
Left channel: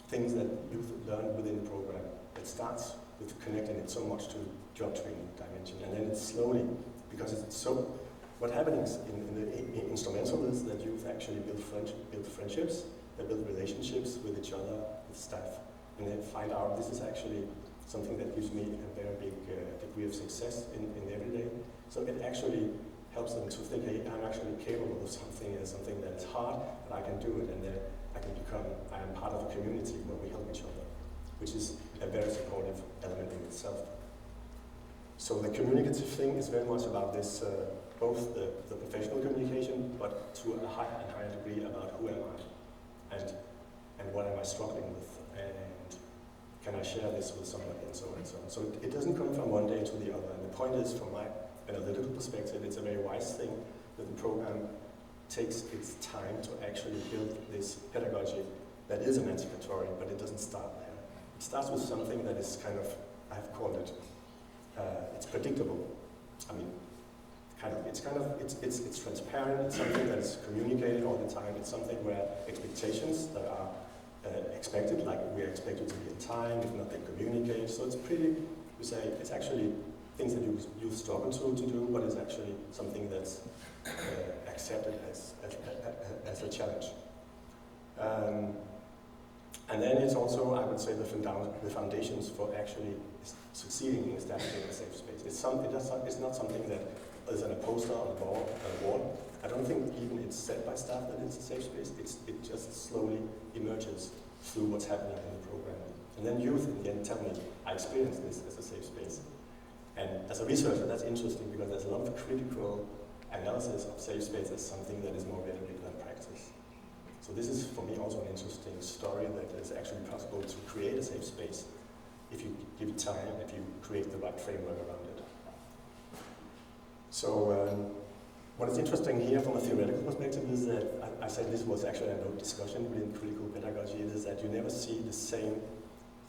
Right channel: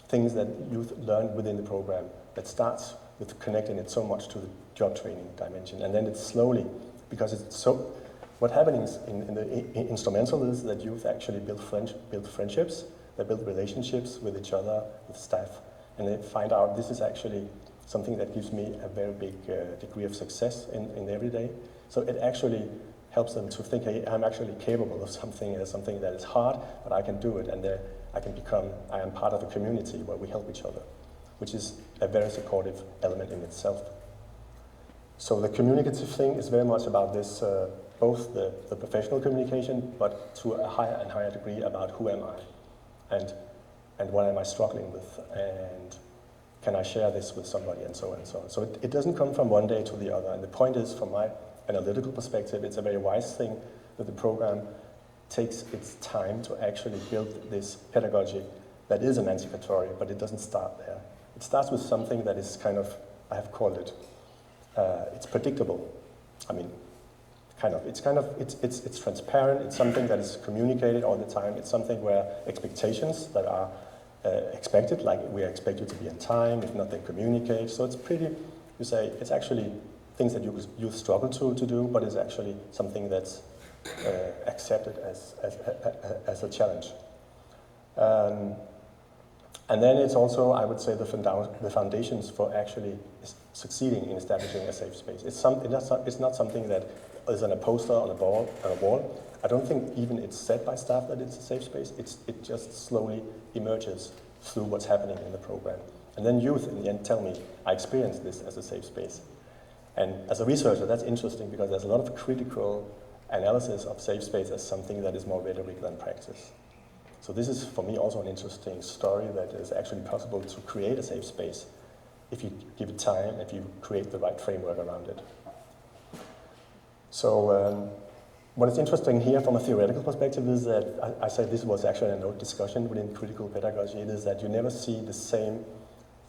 things that youth learn within the program that starts with connecting it so much to the job training dimension. And then it's slowly, because it's so, what happens in the instrumental is that youth actually build friendships, they build relationships with each other, with staff, and they find out this is actually something that gives me a very big degree of success in everyday. So it actually helps them to think, hey, I'm actually capable of something that is hard, but I can do it, and I am part of a community where we help each other, which is a very supportive element in itself. So the communicative thing is very much about this, both the professional communication, but to a higher and higher degree about who am I, and what am I struggling with, and can I share this with somebody, and so on and so on. So it doesn't come from one day to the other, and the point is, from my analytical perspective, it's a very wise thing that the program takes its time to actually build this pedagogy that is emancipatory, but it doesn't start there. It starts with something that is kind of, I have called it, it's predictable. I mean, it's transparent, it's something that is communicated all the time, it's something where expectations that are expected, like we are expected to be in time, if not they communicate, so it's pretty, you say, it's actually things that you struggle to do, but it's actually something that's accepted as a challenge. And then it's also, I would say, the foundations for actually succeeding in establishing a safe space. It's not something that is on a poster on a wall. I don't think even it's said by staff that it's a safe space. It just slowly emerges through what's happening in the program. And then youth in the end tell me, I experienced this as a safe space. And as a researcher, that's interesting because there's a lot of critical analysis of safe space as something that is more rhetoric than practice. So this is, for me, also an interesting story that is actually possible to create a safe space if you give it time, if you create the right framework around it. So what is interesting here from a theoretical perspective is that, I said this was actually a note discussion within critical pedagogy, it is that you never see the same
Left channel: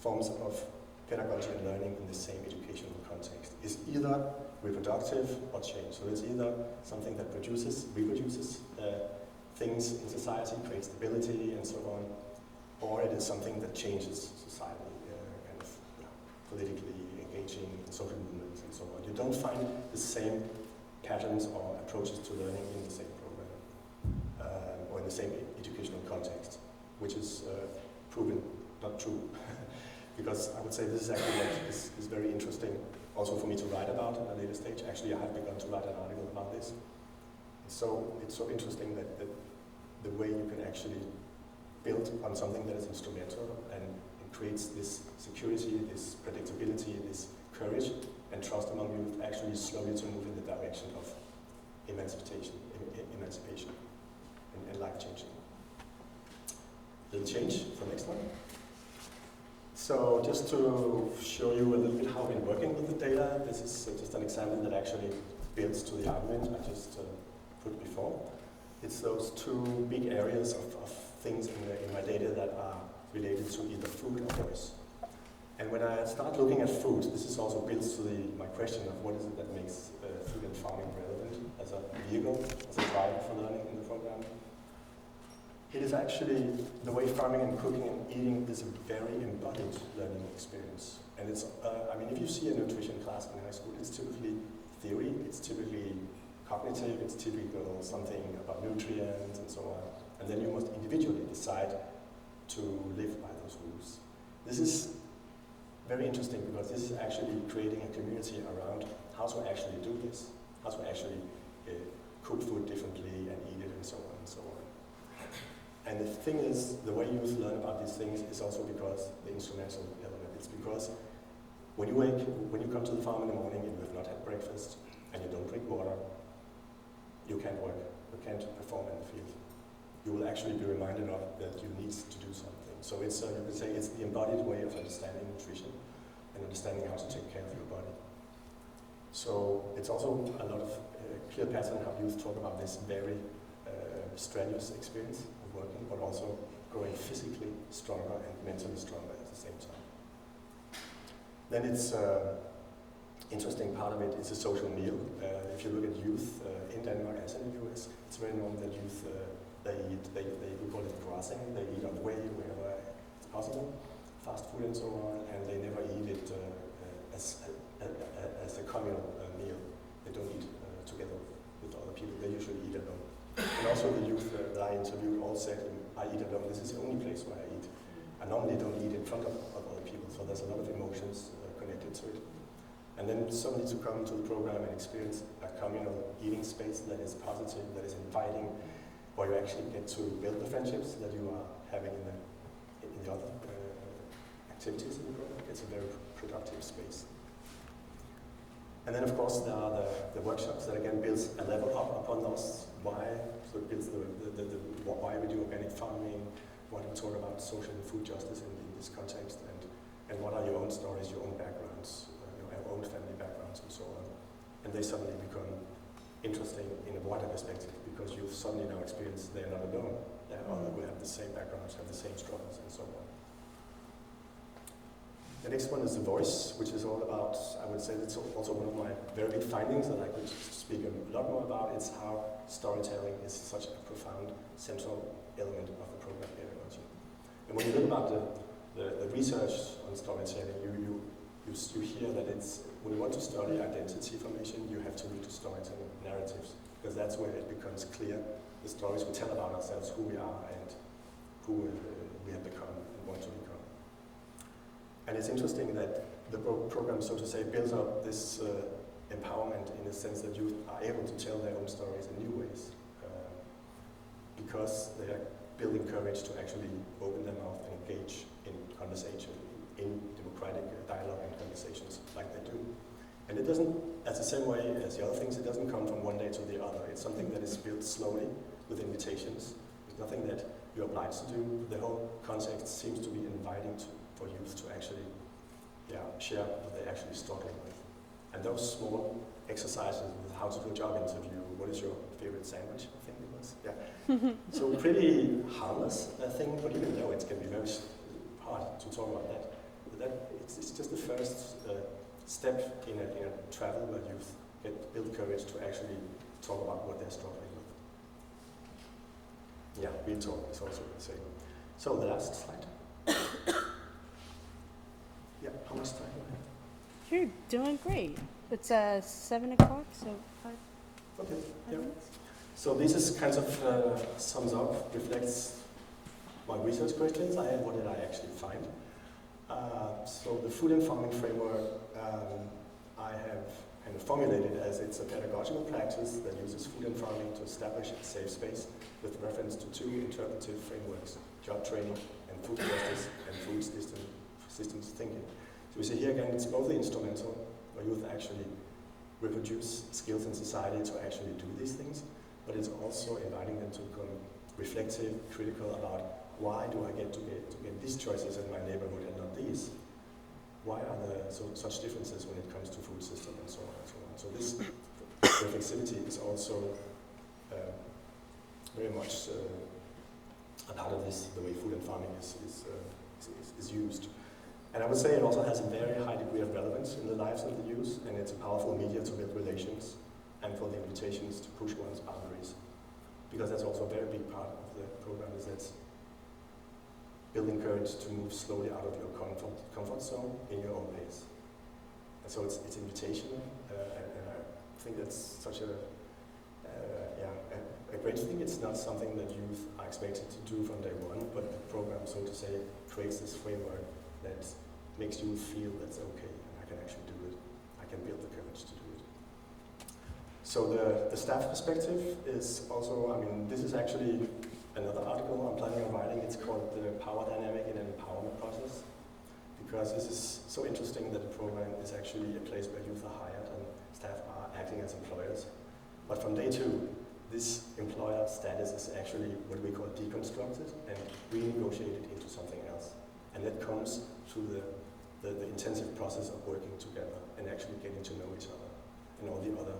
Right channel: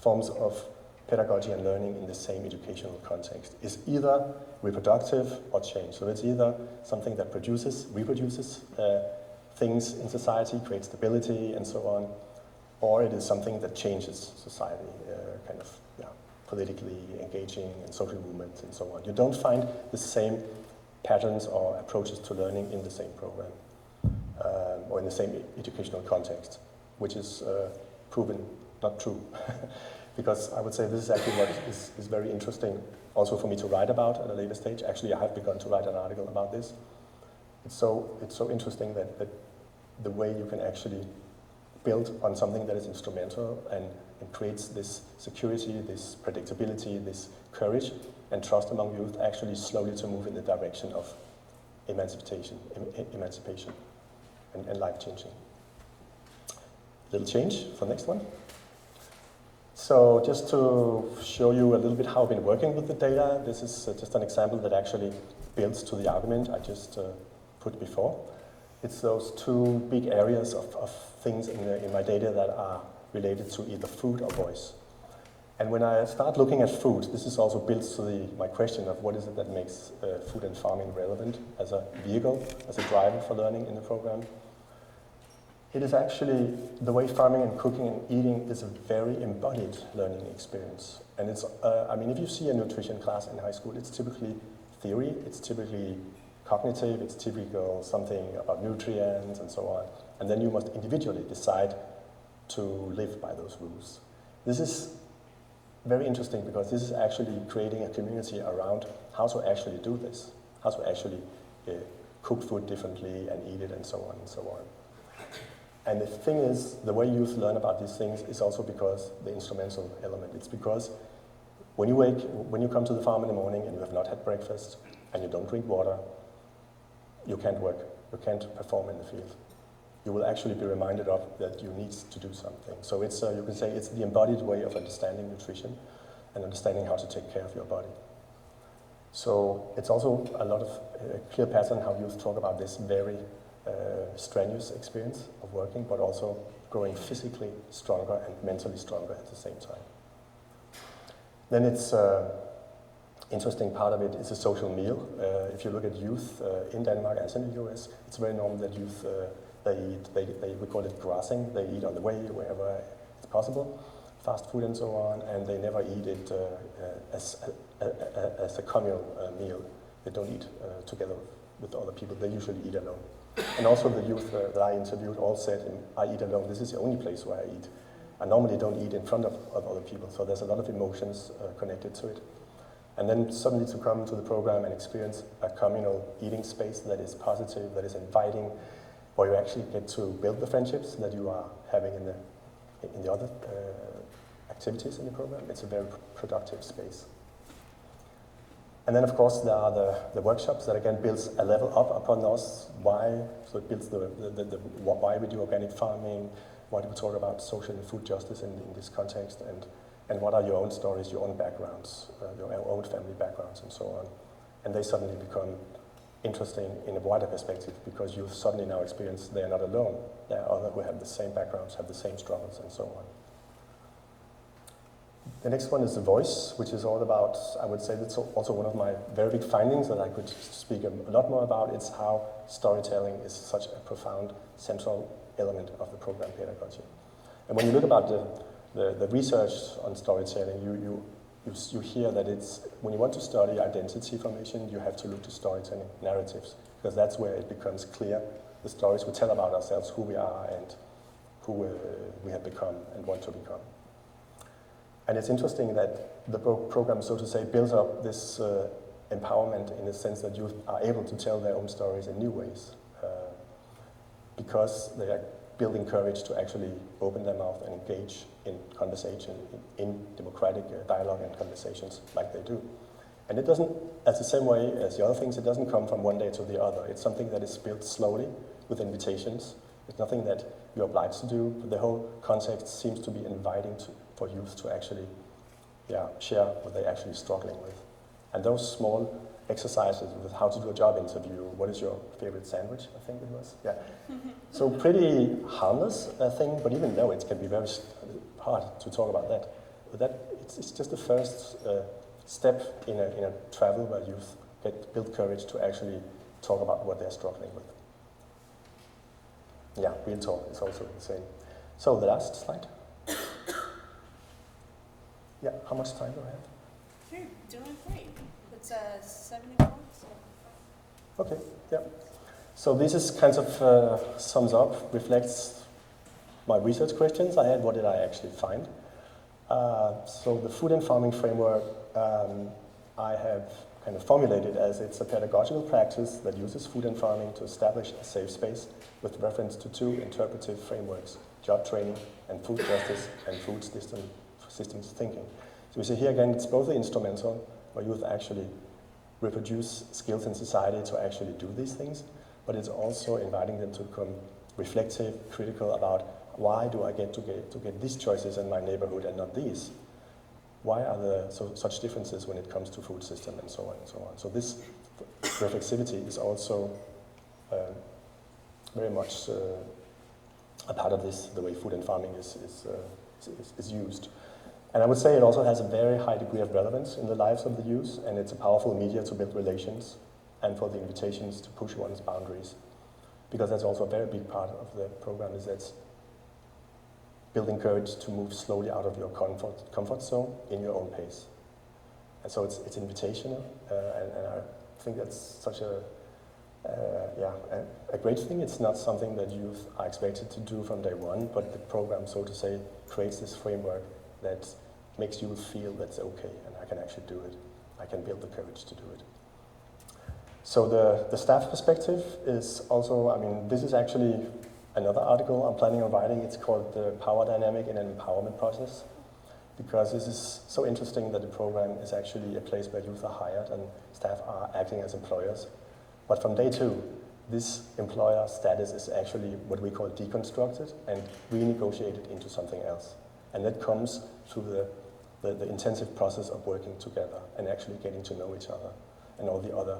forms of pedagogy and learning in the same educational context. It's either reproductive or change. So it's either something that reproduces things in society, creates stability and so on, or it is something that changes society, politically engaging in social movements and so on. You don't find the same patterns or approaches to learning in the same program or in the same educational context, which is proven not true. Because I would say this is actually what is very interesting also for me to write about at a later stage. Actually, I have begun to write an article about this. It's so interesting that the way you can actually build on something that is instrumental and creates this security, this predictability, this courage and trust among youth actually slowly to move in the direction of emancipation and life-changing. Little change for next one. So just to show you a little bit how I've been working with the data, this is just an example that actually builds to the argument I just put before. It's those two big areas of things in my data that are related to either food or voice. And when I start looking at food, this is also built to my question of what is it that makes food and farming relevant as a vehicle, as a driver for learning in the program. It is actually the way farming and cooking and eating is a very embodied learning experience. And it's, if you see a nutrition class in high school, it's typically theory, it's typically cognitive, it's typical something about nutrients and so on. And then you must individually decide to live by those rules. This is very interesting because this is actually creating a community around how to actually do this, how to actually cook food differently and eat it and so on and so on. And the thing is, the way youth learn about these things is also because the instrumental element. It's because when you come to the farm in the morning and you have not had breakfast and you don't drink water, you can't work, you can't perform in the field. You will actually be reminded of that you need to do something. So it's, you can say it's the embodied way of understanding nutrition and understanding how to take care of your body. So it's also a lot of clear pattern how youth talk about this very strenuous experience of working, but also growing physically stronger and mentally stronger at the same time. Then it's interesting part of it is a social meal. If you look at youth in Denmark as in the US, it's very normal that youth we call it grassing. They eat on the way wherever it's possible, fast food and so on, and they never eat it as a communal meal. They don't eat together with other people. They usually eat alone. And also the youth that I interviewed all said, I eat alone. This is the only place where I eat. I normally don't eat in front of other people, so there's a lot of emotions connected to it. And then suddenly to come to the program and experience a communal eating space that is positive, that is inviting, where you actually get to build the friendships that you are having in the other activities in the program. It's a very productive space. And then of course there are the workshops that again builds a level up upon us. Why? So it builds the why we do organic farming, why do we talk about social and food justice in this context, and what are your own stories, your own backgrounds, your own family backgrounds and so on. And they suddenly become interesting in a wider perspective because you suddenly now experience they're not alone. There are others who have the same backgrounds, have the same struggles and so on. The next one is the voice, which is all about, I would say that's also one of my very big findings that I could speak a lot more about. It's how storytelling is such a profound central element of the program pedagogy. And when you look about the research on storytelling, you hear that it's, when you want to study identity formation, you have to look to storytelling narratives, because that's where it becomes clear. The stories we tell about ourselves, who we are and who we have become and want to become. And it's interesting that the program, so to say, builds up this empowerment in the sense that youth are able to tell their own stories in new ways because they are building courage to actually open their mouth and engage in conversation, in democratic dialogue and conversations like they do. And it doesn't, as the same way as the other things, it doesn't come from one day to the other. It's something that is built slowly with invitations. It's nothing that you're obliged to do. The whole context seems to be inviting for youth to actually share what they're actually struggling with. And those small exercises with how to do a job interview, what is your favorite sandwich, I think it was. Yeah. So pretty harmless thing, but even though it can be very hard to talk about that. But it's just the first step in a travel where youth build courage to actually talk about what they're struggling with. Yeah, real talk is also the same. So the last slide. Yeah, how much time do I have? You're doing great. It's 7 o'clock, so 5. Okay, yeah. So this is kind of sums up, reflects my research questions I had. What did I actually find? So the food and farming framework I have kind of formulated as it's a pedagogical practice that uses food and farming to establish a safe space with reference to 2 interpretive frameworks, job training and food justice and food systems thinking. So we see here again, it's both the instrumental, where youth actually reproduce skills in society to actually do these things, but it's also inviting them to become reflective, critical about why do I get to get these choices in my neighborhood and not these? Why are there such differences when it comes to food system and so on and so on? So this reflexivity is also very much a part of this, the way food and farming is used. And I would say it also has a very high degree of relevance in the lives of the youth, and it's a powerful media to build relations and for the invitations to push one's boundaries. Because that's also a very big part of the program, is that building courage to move slowly out of your comfort zone in your own pace. And so it's invitational, and I think that's such a great thing. It's not something that youth are expected to do from day one, but the program, so to say, creates this framework that makes you feel that's okay, and I can actually do it. I can build the courage to do it. So the staff perspective is also, I mean, this is actually another article I'm planning on writing. It's called The Power Dynamic in an Empowerment Process, because this is so interesting that the program is actually a place where youth are hired and staff are acting as employers. But from day 2, this employer status is actually what we call deconstructed and renegotiated into something else. And that comes through the intensive process of working together and actually getting to know each other and all the other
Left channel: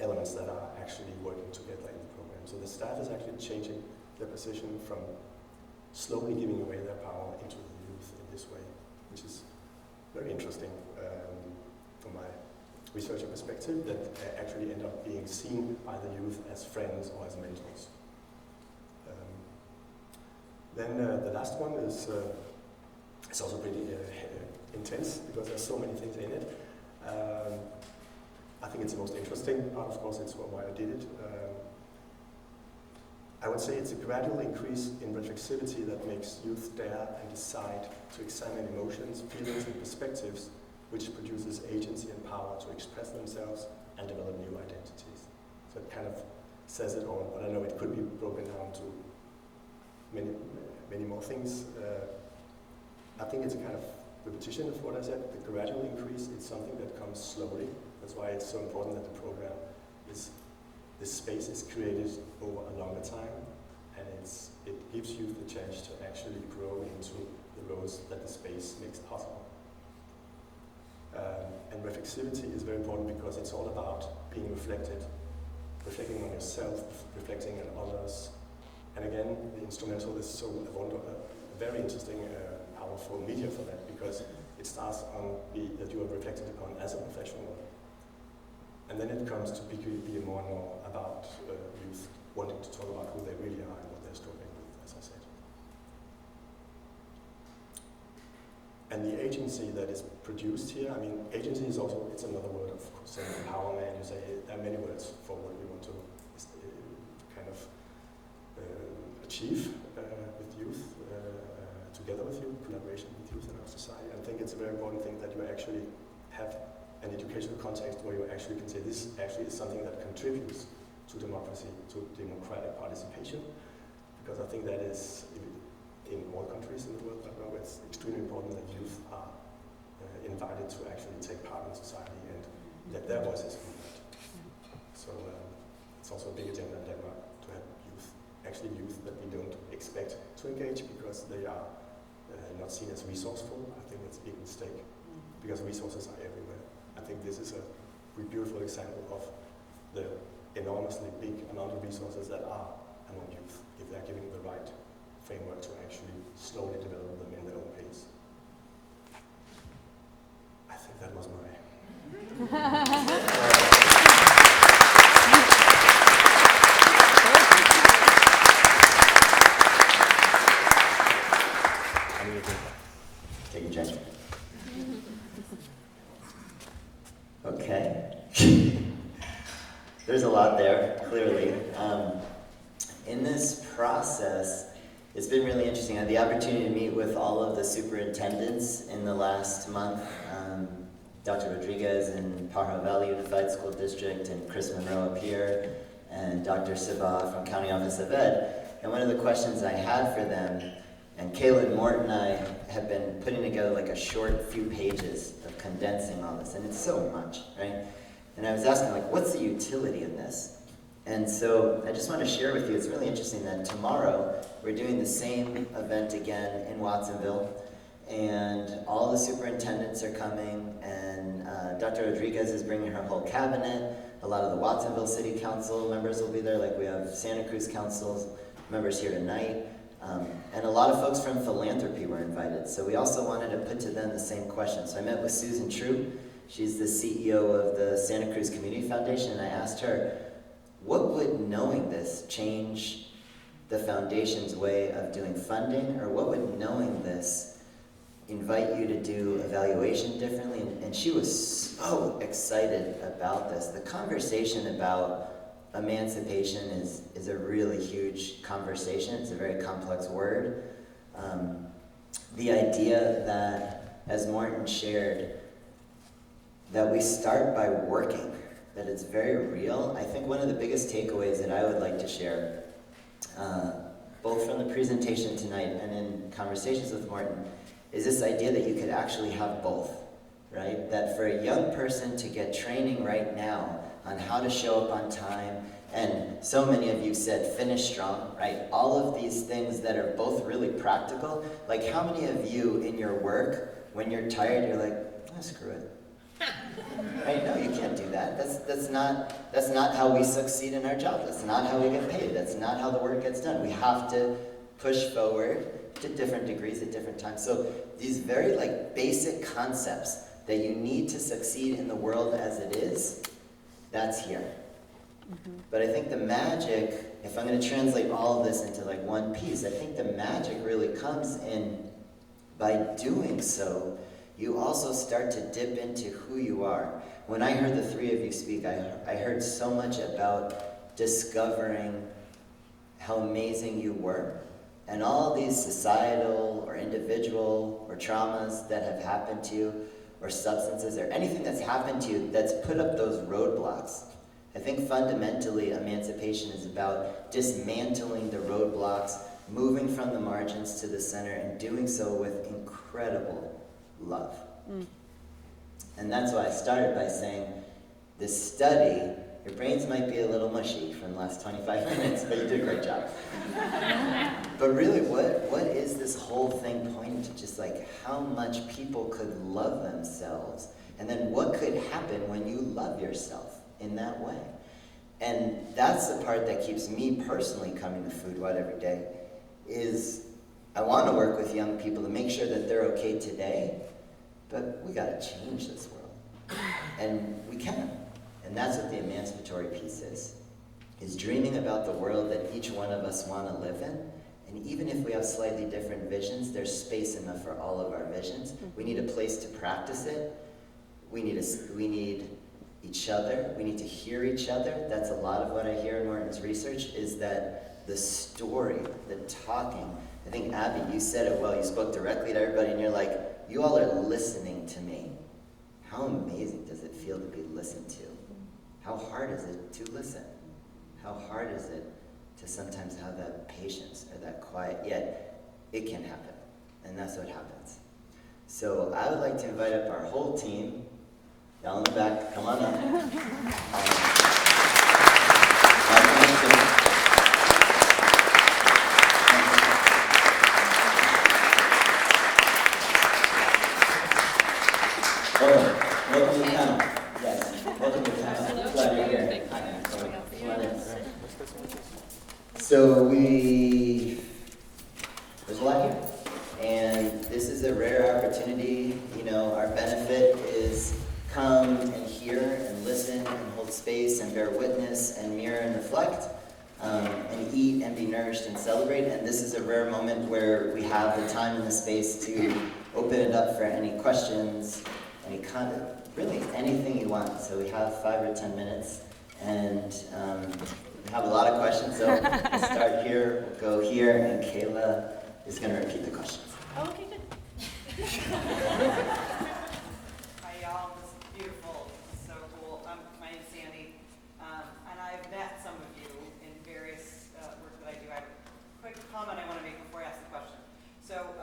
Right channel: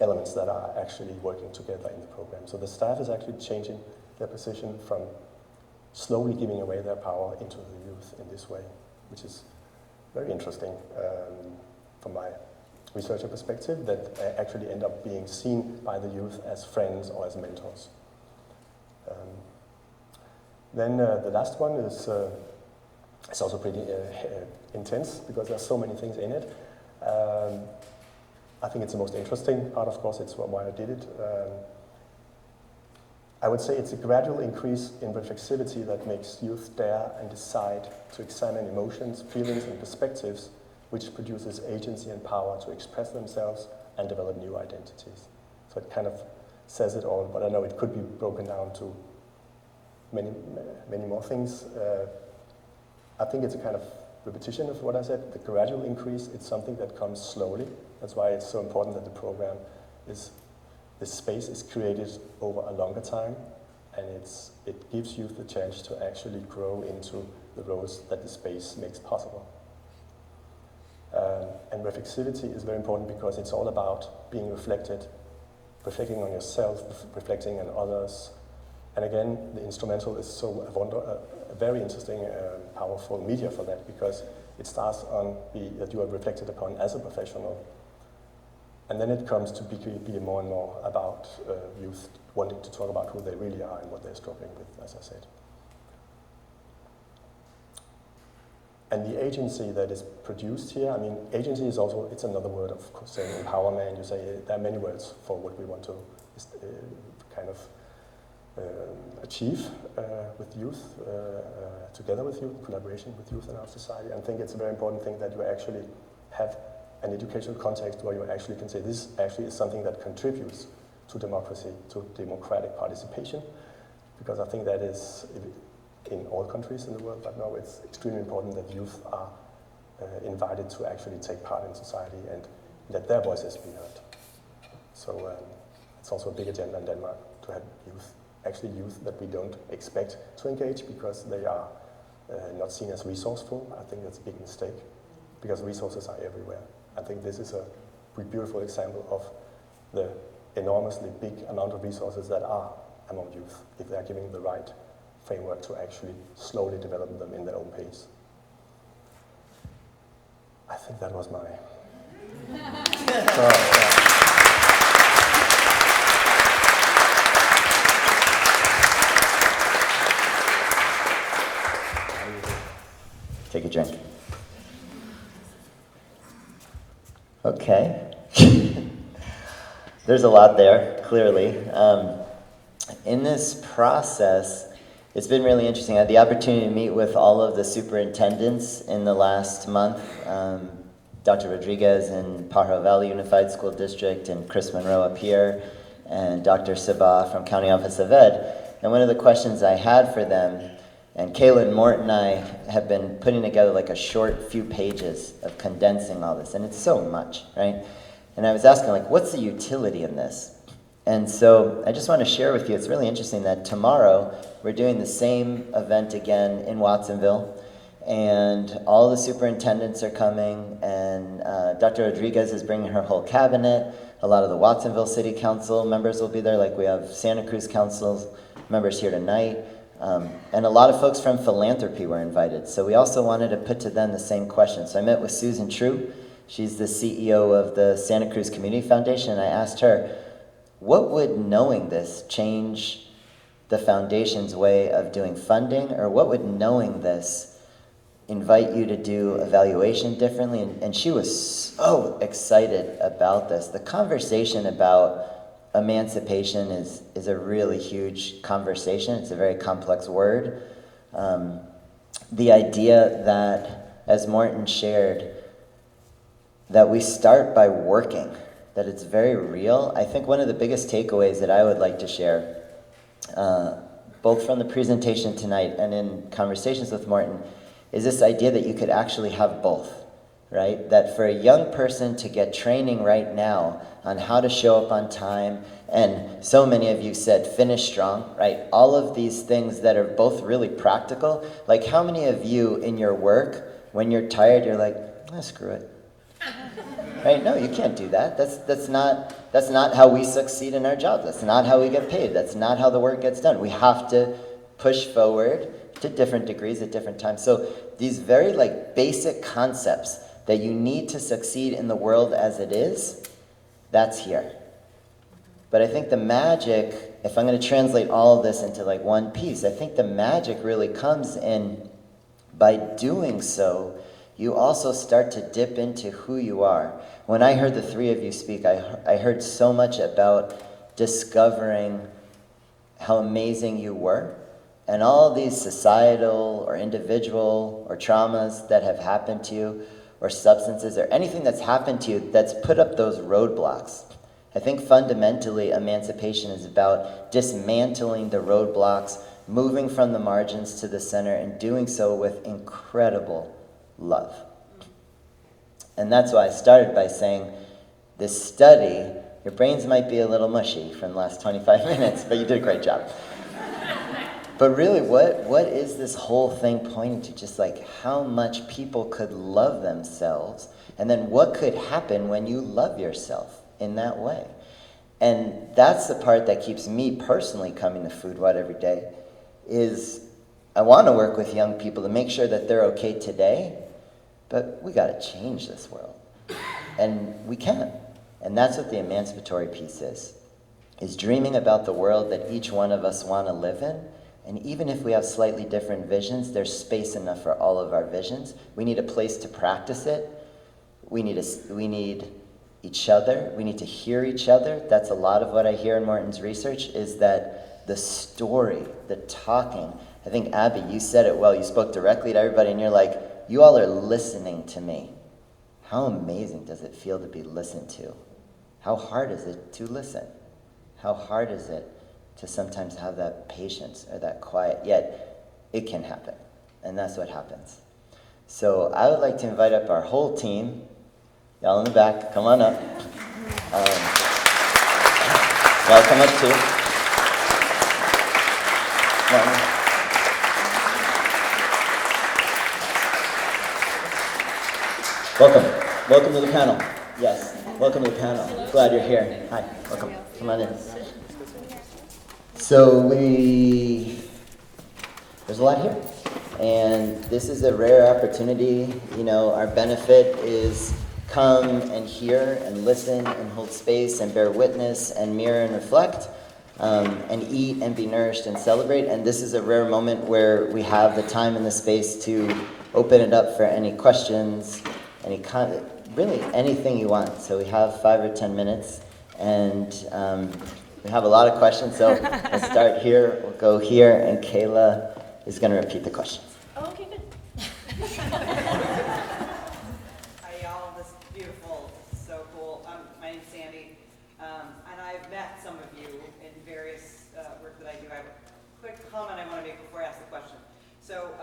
elements that are actually working together in the program. So the staff is actually changing their position from slowly giving away their power into the youth in this way, which is very interesting from my researcher perspective, that actually end up being seen by the youth as friends or as mentors. Then the last one is it's also pretty intense because there's so many things in it. I think it's the most interesting part, of course, it's why I did it. I would say it's a gradual increase in reflexivity that makes youth dare and decide to examine emotions, feelings, and perspectives, which produces agency and power to express themselves and develop new identities. So it kind of says it all, but I know it could be broken down to many more things. I think it's a kind of repetition of what I said. The gradual increase, it's something that comes slowly. That's why it's so important that the program is, this space is created over a longer time, and it gives youth the chance to actually grow into the roles that the space makes possible. And reflexivity is very important because it's all about being reflecting on yourself, reflecting on others. And again, the instrumental is so a very interesting, powerful media for that, because it starts on that you are reflected upon as a professional. And then it comes to be more and more about youth wanting to talk about who they really are and what they're struggling with, as I said. And the agency that is produced here, I mean, agency is also, it's another word of course, saying empowerment. You say there are many words for what we want to kind of achieve with youth, together with youth, collaboration with youth in our society. And I think it's a very important thing that you actually have an educational context where you actually can say this actually is something that contributes to democracy, to democratic participation, because I think that is in all countries in the world, but now it's extremely important that youth are invited to actually take part in society and let their voices be heard. So it's also a big agenda in Denmark to have youth, actually youth that we don't expect to engage because they are not seen as resourceful. I think that's a big mistake because resources are everywhere. I think this is a beautiful example of the enormously big amount of resources that are among youth if they are given the right framework to actually slowly develop them in their own pace. I think that was my... Take a drink. Okay. There's a lot there, clearly. In this process, it's been really interesting. I had the opportunity to meet with all of the superintendents in the last month. Dr. Rodriguez in Pajaro Valley Unified School District and Chris Monroe up here and Dr. Sabah from County Office of Ed. And one of the questions I had for them, and Kaylin Mort and I have been putting together like a short few pages of condensing all this, and it's so much, right? And I was asking, like, what's the utility in this? And so I just want to share with you, it's really interesting that tomorrow we're doing the same event again in Watsonville, and all the superintendents are coming, and Dr. Rodriguez is bringing her whole cabinet. A lot of the Watsonville City Council members will be there, like we have Santa Cruz Council members here tonight. And a lot of folks from philanthropy were invited. So we also wanted to put to them the same question. So I met with Susan True. She's the CEO of the Santa Cruz Community Foundation, and I asked her, what would knowing this change the foundation's way of doing funding, or what would knowing this invite you to do evaluation differently? And she was so excited about this. The conversation about emancipation is a really huge conversation. It's a very complex word. The idea that, as Morton shared, that we start by working, that it's very real. I think one of the biggest takeaways that I would like to share, both from the presentation tonight and in conversations with Morton, is this idea that you could actually have both, right? That for a young person to get training right now on how to show up on time, and so many of you said finish strong, right? All of these things that are both really practical. Like, how many of you in your work, when you're tired, you're like, screw it. Right? No, you can't do that. That's not how we succeed in our jobs. That's not how we get paid. That's not how the work gets done. We have to push forward to different degrees at different times. So these very basic concepts that you need to succeed in the world as it is, that's here. But I think the magic, if I'm going to translate all of this into one piece, I think the magic really comes in by doing so, you also start to dip into who you are. When I heard the three of you speak, I heard so much about discovering how amazing you were, and all these societal or individual or traumas that have happened to you, or substances, or anything that's happened to you that's put up those roadblocks. I think fundamentally emancipation is about dismantling the roadblocks, moving from the margins to the center, and doing so with incredible love. And that's why I started by saying, this study, your brains might be a little mushy from the last 25 minutes, but you did a great job. But really, what is this whole thing pointing to? Just how much people could love themselves, and then what could happen when you love yourself in that way. And that's the part that keeps me personally coming to Food What every day, is I want to work with young people to make sure that they're okay today, but we got to change this world. And we can. And that's what the emancipatory piece is dreaming about the world that each one of us want to live in. And even if we have slightly different visions, there's space enough for all of our visions. We need a place to practice it. We need each other. We need to hear each other. That's a lot of what I hear in Morton's research, is that the story, the talking. I think, Abby, you said it well. You spoke directly to everybody, and you're like, you all are listening to me. How amazing does it feel to be listened to? How hard is it to listen? How hard is it to sometimes have that patience or that quiet? Yet, it can happen, and that's what happens. So I would like to invite up our whole team. Y'all in the back, come on up. Welcome up too. Welcome. Welcome to the panel. Yes. Welcome to the panel. Glad you're here. Hi. Welcome. Come on in. So there's a lot here. And this is a rare opportunity. You know, our benefit is come and hear and listen and hold space and bear witness and mirror and reflect and eat and be nourished and celebrate. And this is a rare moment where we have the time and the space to open it up for any questions, really anything you want. So we have 5 or 10 minutes, and we have a lot of questions. So we'll start here, we'll go here, and Kayla is going to repeat the questions. Oh, okay, good. Hi y'all, this is beautiful, this is so cool. My name's Sandy, and I've met some of you in various work that I do. I have a quick comment I want to make before I ask the question. So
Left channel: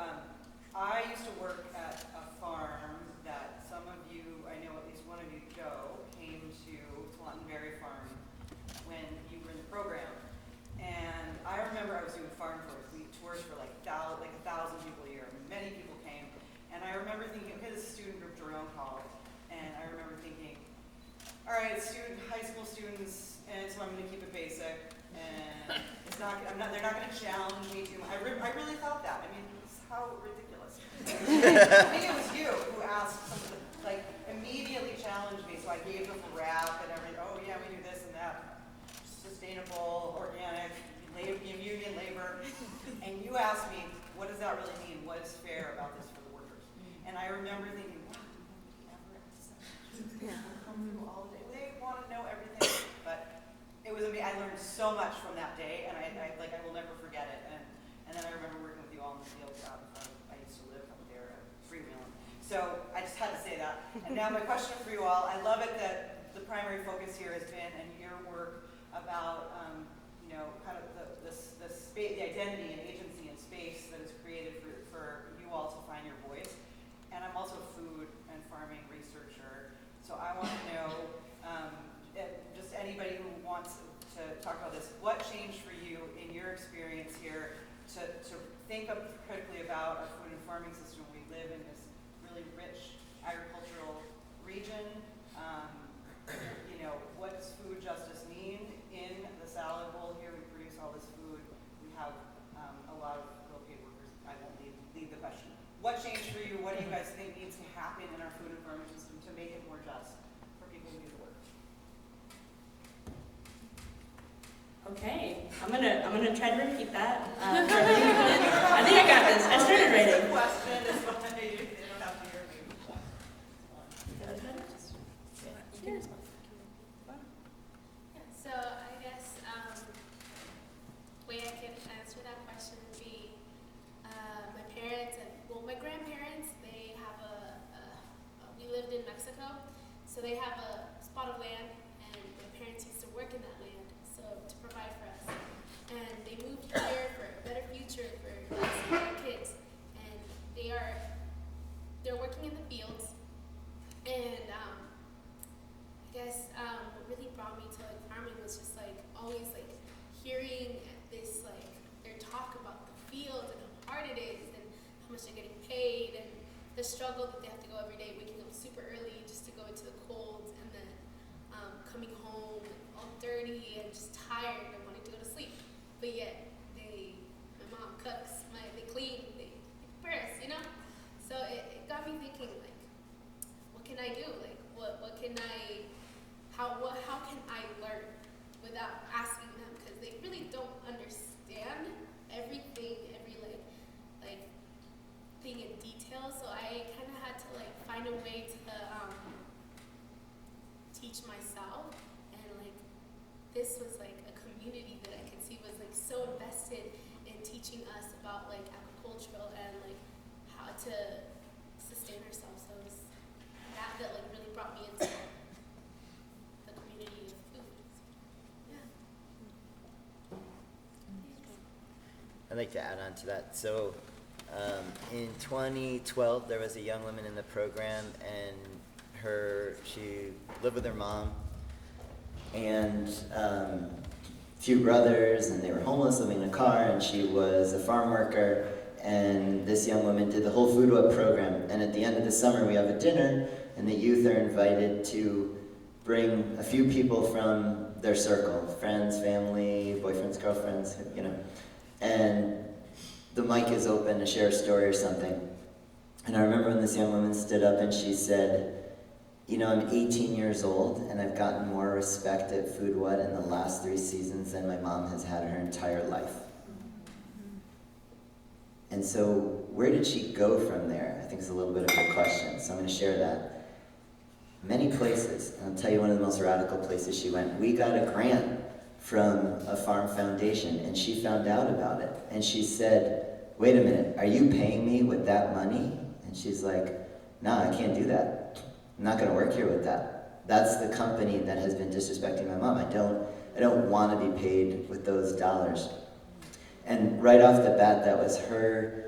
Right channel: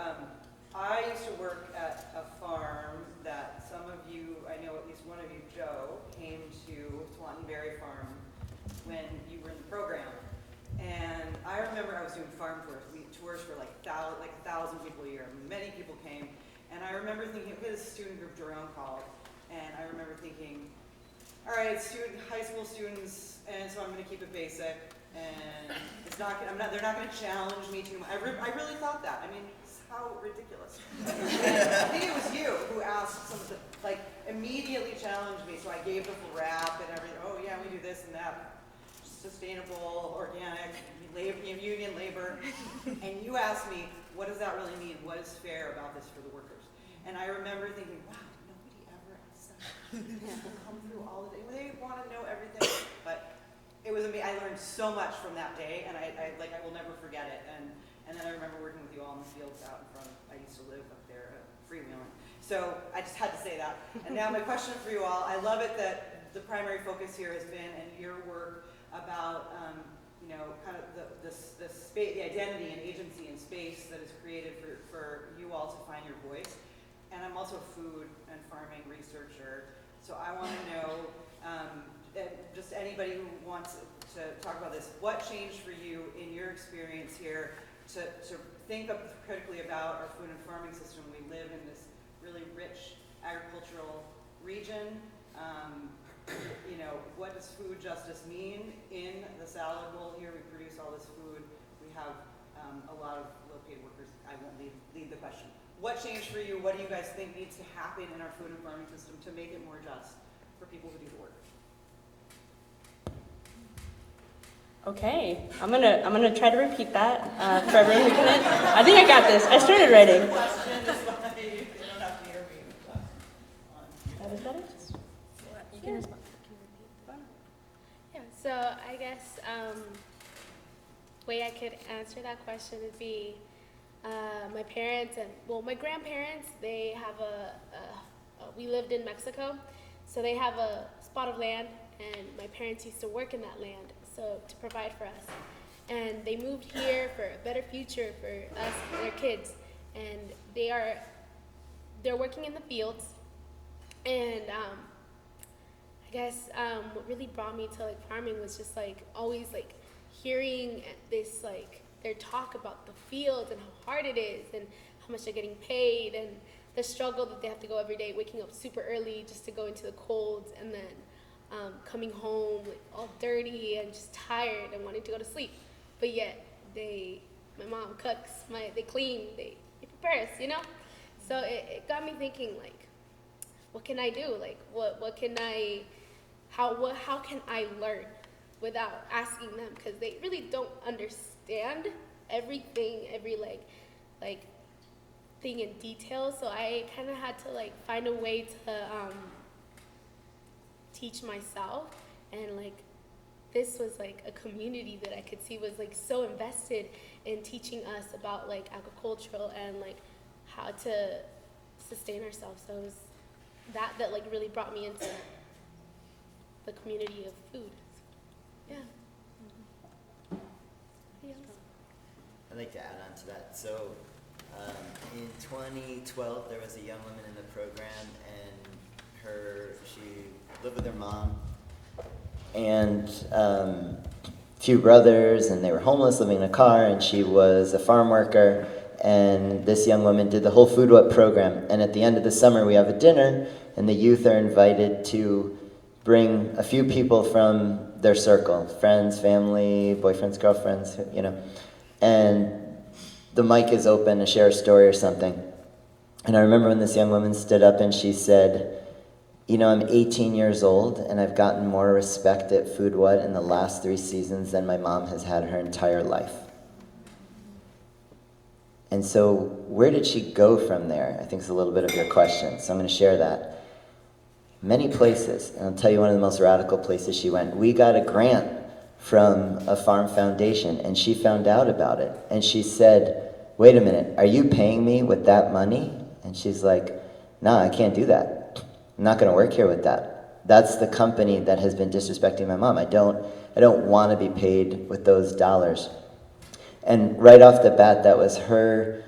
I used to work at a farm that some of you, I know at least one of you, Joe, came to Swanton Berry Farm when you were in the program. And I remember I was doing farm tours. We tours for like 1,000 people a year. Many people came. And I remember thinking, okay, this student group Jerome called. And I remember thinking, all right, high school students, and so I'm going to keep it basic. And they're not going to challenge me too much. I really thought that. I mean, how ridiculous. I think it was you who asked some of the, like, immediately challenged me. So I gave the full rap and everything. Oh yeah, we do this and that. Sustainable, organic, union labor. And you asked me, what does that really mean? What is fair about this for the workers? And I remember thinking, wow, nobody ever asks that. People come through all the day. They want to know everything. But it was amazing. I learned so much from that day, and I will never forget it. And then I remember working with you all in the fields out in front of, I used to live up there, freewheeling. So I just had to say that. And now my question for you all, I love it that the primary focus here has been in your work about, you know, kind of the identity and agency and space that is created for you all to find your voice. And I'm also a food and farming researcher, so I want to know, just anybody who wants to talk about this, what changed for you in your experience here to think critically about our food and farming system? We live in this really rich agricultural region. You know, what does food justice mean in the salad bowl here? We produce all this food. We have a lot of located workers. I won't lead the question. What changed for you? What do you guys think needs to happen in our food and farming system to make it more just for people who do the work? Okay, I'm gonna try to repeat that for everyone who couldn't. I think I got this. I started writing. Question is why you don't have to hear me. That was better? Yeah, so I guess way I could answer that question would be my parents and, well, my grandparents, they have we lived in Mexico, so they have a spot of land, and my parents used to work in that land, so to provide for us. And they moved here for a better future for us and their kids, and they're working in the fields, and I guess what really brought me to like farming was just like always like hearing this like their talk about the fields and how hard it is and how much they're getting paid and the struggle that they have to go every day, waking up super early just to go into the colds, and then coming home like, all dirty and just tired and wanting to go to sleep. But yet my mom cooks, they clean, they prepare us, you know? So it got me thinking like, what can I do? Like what can I, how can I learn without asking them? Because they really don't understand everything, every like thing in detail. So I kind of had to like find a way to teach myself, and like this was like a community that I could see was like so invested in teaching us about like agricultural and like how to sustain ourselves. So it was that like really brought me into the community of food. Yeah. I'd like to add on to that. So In 2012, there was a young woman in the program, and she lived with her mom and a few brothers, and they were homeless, living in a car, and she was a farm worker. And this young woman did the whole Food What program. And at the end of the summer, we have a dinner, and the youth are invited to bring a few people from their circle, friends, family, boyfriends, girlfriends, you know. And the mic is open to share a story or something. And I remember when this young woman stood up and she said, you know, I'm 18 years old, and I've gotten more respect at Food What in the last 3 seasons than my mom has had her entire life. And so where did she go from there? I think it's a little bit of your question, so I'm going to share that. Many places, and I'll tell you one of the most radical places she went. We got a grant from a farm foundation, and she found out about it. And she said, wait a minute, are you paying me with that money? And she's like, no, I can't do that. I'm not going to work here with that. That's the company that has been disrespecting my mom. I don't want to be paid with those dollars. And right off the bat, that was her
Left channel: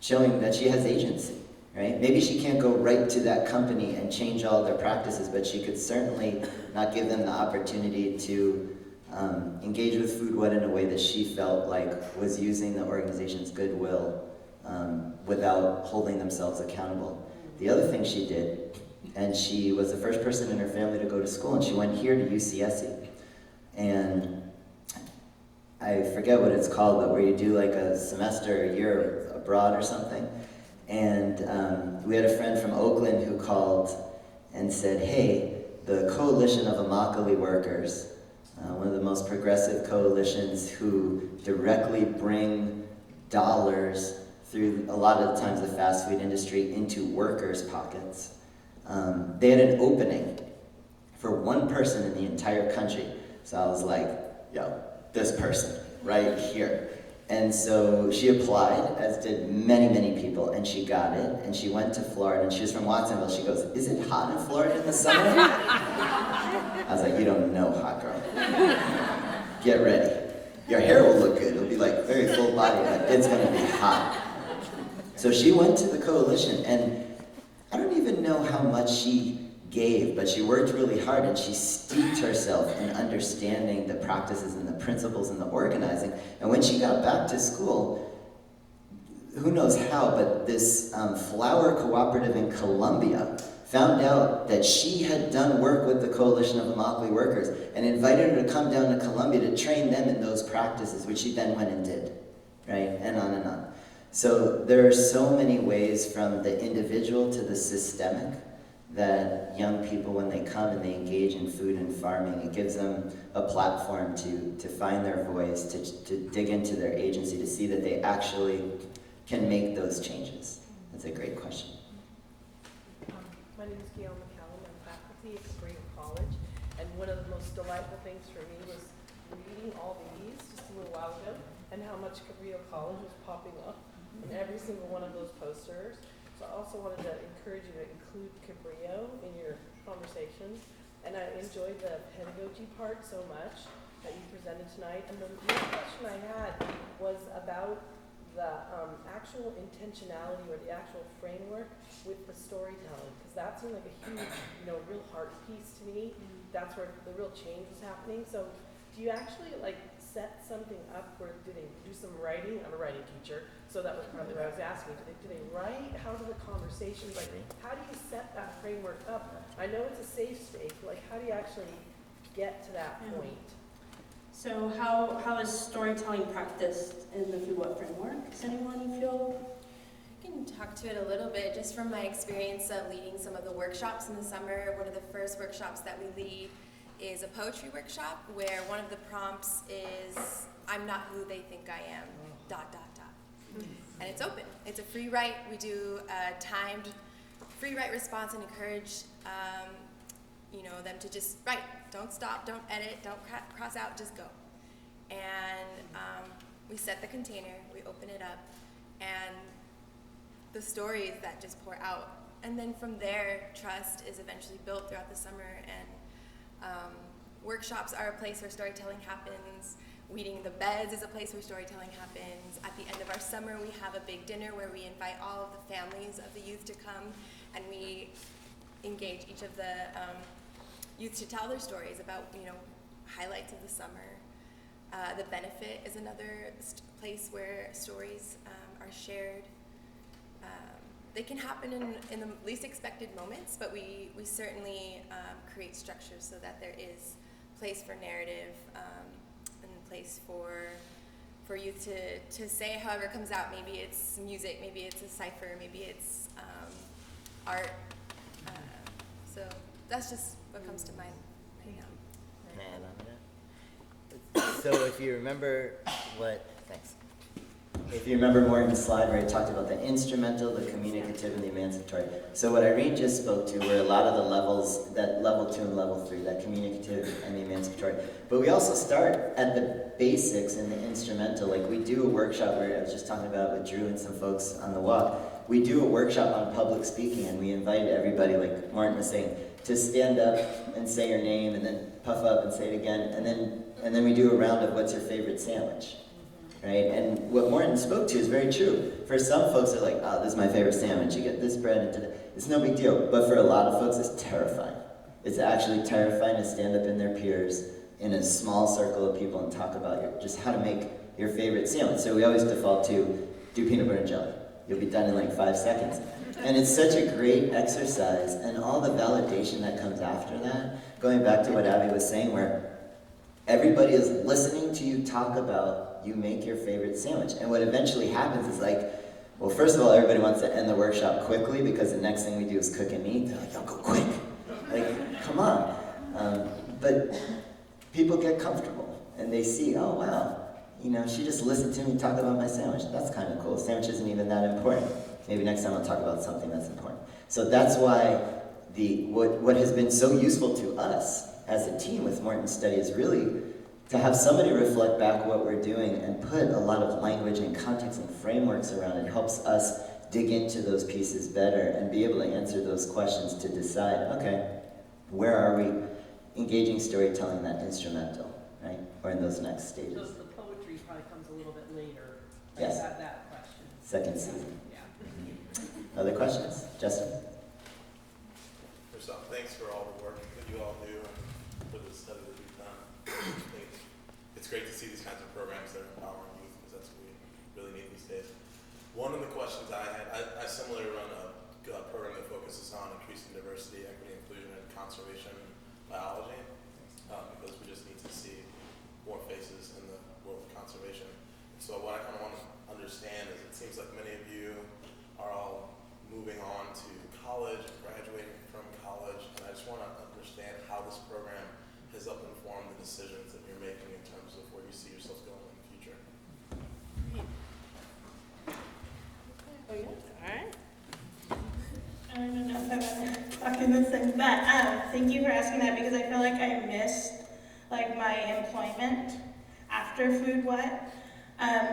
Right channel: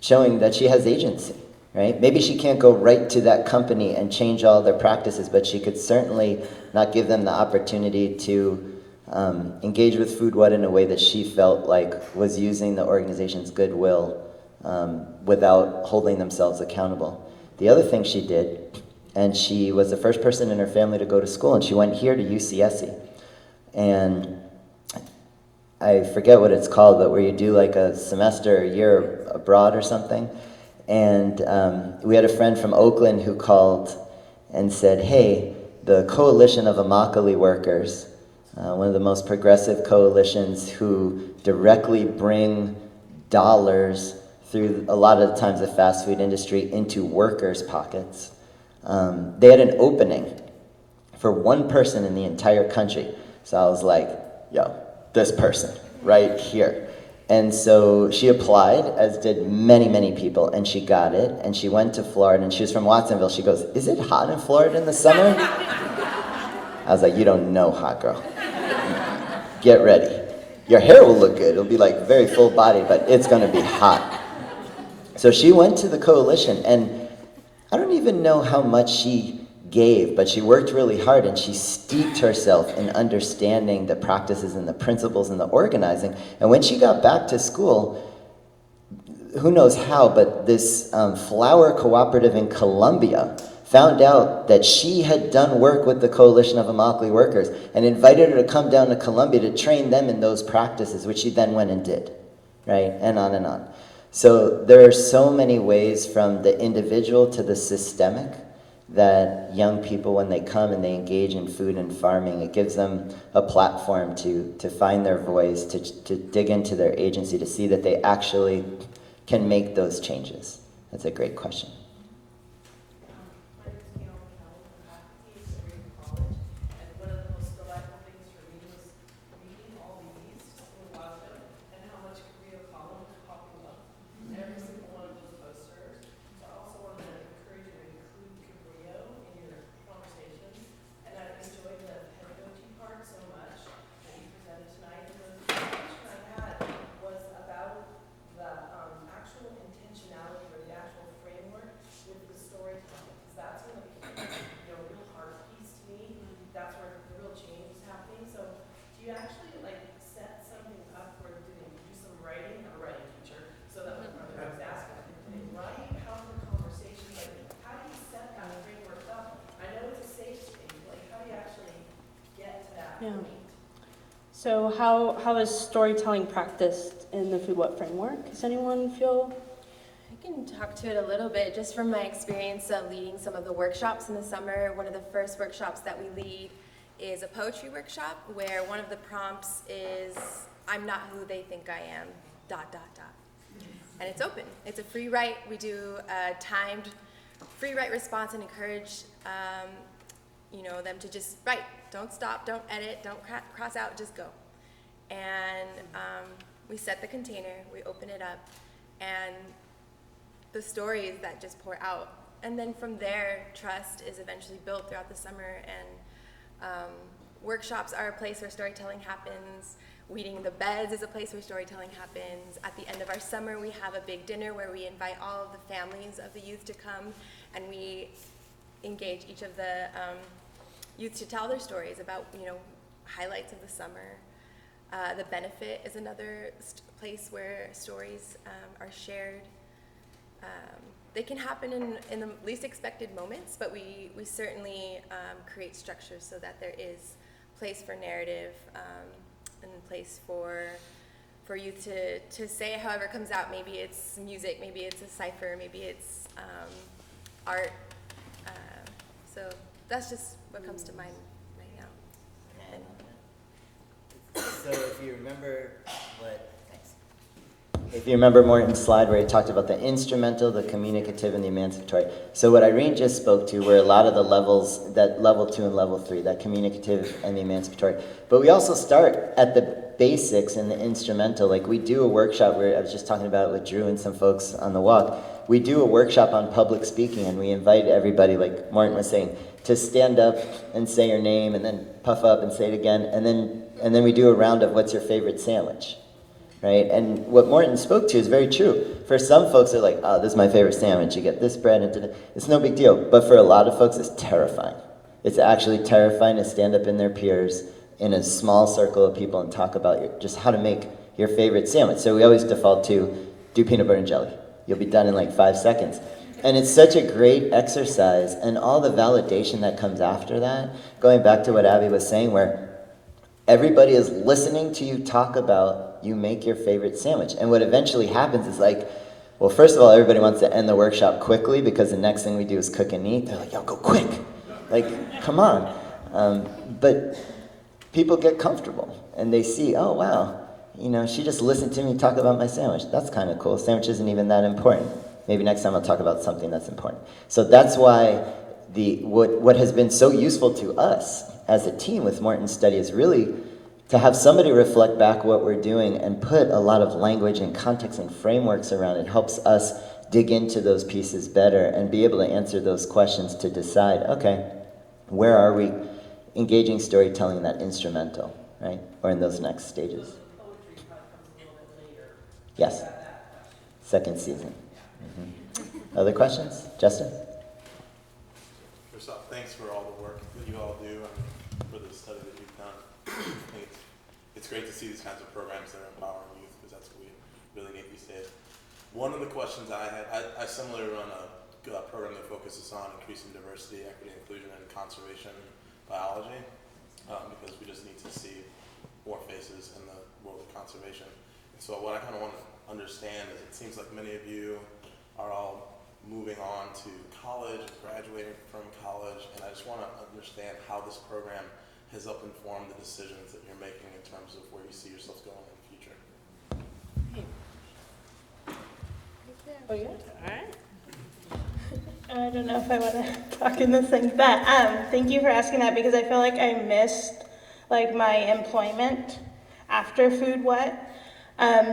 showing that she has agency, right? Maybe she can't go right to that company and change all their practices, but she could certainly not give them the opportunity to engage with Food What in a way that she felt like was using the organization's goodwill without holding themselves accountable. The other thing she did, and she was the first person in her family to go to school, and she went here to UCSC. And I forget what it's called, but where you do like a semester, a year abroad or something. And we had a friend from Oakland who called and said, hey, the Coalition of Immokalee Workers, one of the most progressive coalitions who directly bring dollars through a lot of the times the fast food industry into workers' pockets. They had an opening for one person in the entire country. So I was like, yo, this person right here. And so she applied, as did many, many people, and she got it. And she went to Florida, and she was from Watsonville. She goes, is it hot in Florida in the summer? I was like, you don't know, hot girl. Get ready. Your hair will look good. It'll be like very full body, but it's going to be hot. So she went to the coalition, and I don't even know how much she gave, but she worked really hard, and she steeped herself in understanding the practices and the principles and the organizing. And when she got back to school, who knows how, but this flour cooperative in Colombia found out that she had done work with the Coalition of Immokalee Workers and invited her to come down to Colombia to train them in those practices, which she then went and did, right? And on and on. So there are so many ways, from the individual to the systemic, that young people, when they come and they engage in food and farming, it gives them a platform to find their voice, to dig into their agency, to see that they actually can make those changes. That's a great question. My name is Gail McCallum. I'm faculty at Spring College, and one of the most delightful things for me was reading all these just a little while ago, and how much Cabrillo College was popping up in every single one of those posters. So I also wanted to encourage you to include Cabrillo in your conversations, and I enjoyed the pedagogy part so much that you presented tonight. And then the question I had was about the actual intentionality or the actual framework with the storytelling, because that seemed like a huge, real heart piece to me. That's where the real change is happening. So do you actually set something up, or do they do some writing? I'm a writing teacher, so that was what I was asking. Do they write? How do the conversations, how do you set that framework up? I know it's a safe space, but how do you actually get to that point? So how is storytelling practiced in the Food What framework? Does anyone feel? I can talk to it a little bit just from my experience of leading some of the workshops in the summer. One of the first workshops that we lead is a poetry workshop where one of the prompts is, I'm not who they think I am, ... And it's open. It's a free write. We do a timed free write response and encourage them to just write. Don't stop, don't edit, don't cross out, just go. And we set the container, we open it up, and the stories that just pour out. And then from there, trust is eventually built throughout the summer, and workshops are a place where storytelling happens. Weeding the Beds is a place where storytelling happens. At the end of our summer, we have a big dinner where we invite all of the families of the youth to come, and we engage each of the youth to tell their stories about, highlights of the summer. The Benefit is another place where stories are shared. They can happen in the least expected moments, but we certainly create structures so that there is place for narrative and place for youth to say it however it comes out. Maybe it's music, maybe it's a cipher, maybe it's art. So that's just what comes to mind right now. Can I add on to that? So if you remember thanks. If you remember Morton's slide where he talked about the instrumental, the communicative, and the emancipatory. So what Irene just spoke to were a lot of the levels, that level 2 and level 3, that communicative and the emancipatory. But we also start at the basics in the instrumental. Like we do a workshop where I was just talking about it with Drew and some folks on the walk. We do a workshop on public speaking, and we invite everybody, like Morton was saying, to stand up and say your name, and then puff up and say it again, and then we do a round of what's your favorite sandwich, right? And what Morton spoke to is very true. For some folks, they're like, oh, this is my favorite sandwich. You get this bread and it's no big deal. But for a lot of folks, it's terrifying. It's actually terrifying to stand up in their peers in a small circle of people and talk about just how to make your favorite sandwich. So we always default to do peanut butter and jelly. You'll be done in like 5 seconds. And it's such a great exercise, and all the validation that comes after that, going back to what Abby was saying, where everybody is listening to you talk about you make your favorite sandwich. And what eventually happens is like, well, first of all, everybody wants to end the workshop quickly because the next thing we do is cook and eat. They're like, yo, go quick. Like, come on. But people get comfortable, and they see, oh, wow, she just listened to me talk about my sandwich. That's kind of cool. Sandwich isn't even that important. Maybe next time I'll talk about something that's important. So that's why what has been so useful to us as a team with Morton's study is really to have somebody reflect back what we're doing and put a lot of language and context and frameworks around it. Helps us dig into those pieces better and be able to answer those questions to decide, okay, where are we engaging storytelling in that instrumental, right? Or in those next stages. So the poetry probably comes a little bit later. Yes. That question. Second season. Other questions? Justin? First off, thanks for all the work that you all do and for the study that you've done. I think it's great to see these kinds of programs that are empowering youth, because that's what we really need these days. One of the questions I had, I similarly run a program that focuses on increasing diversity, equity, inclusion, and conservation biology, because we just need to see more faces in the world of conservation. And so what I kind of want to understand is, it seems like many of you are all moving on to college, graduating from college, and I just want to understand how this program has helped inform the decisions that you're making in terms of where you see yourselves going in the future. Oh, yeah? All right. I don't know if I want to talk in this thing, but thank you for asking that, because I feel like I missed my employment after Food What.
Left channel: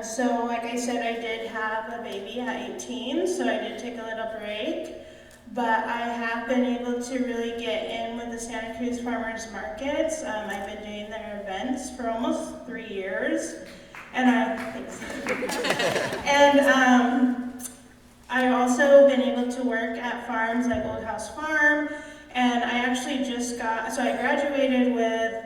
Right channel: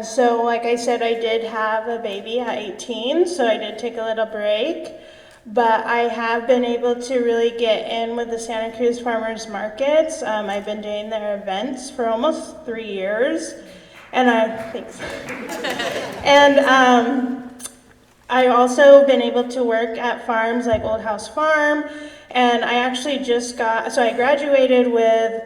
So like I said, I did have a baby at 18, so I did take a little break, but I have been able to really get in with the Santa Cruz Farmers Markets. I've been doing their events for almost 3 years, and thanks. And I also been able to work at farms like Old House Farm, and I actually I graduated with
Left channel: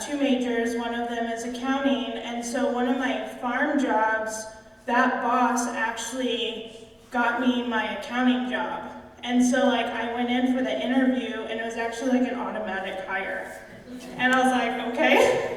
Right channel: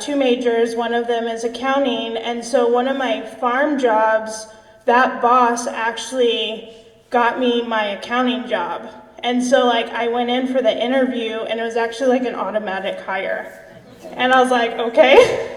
2 majors. One of them is accounting, and so one of my farm jobs, that boss actually got me my accounting job. And so I went in for the interview, and it was actually an automatic hire. And I was like, okay.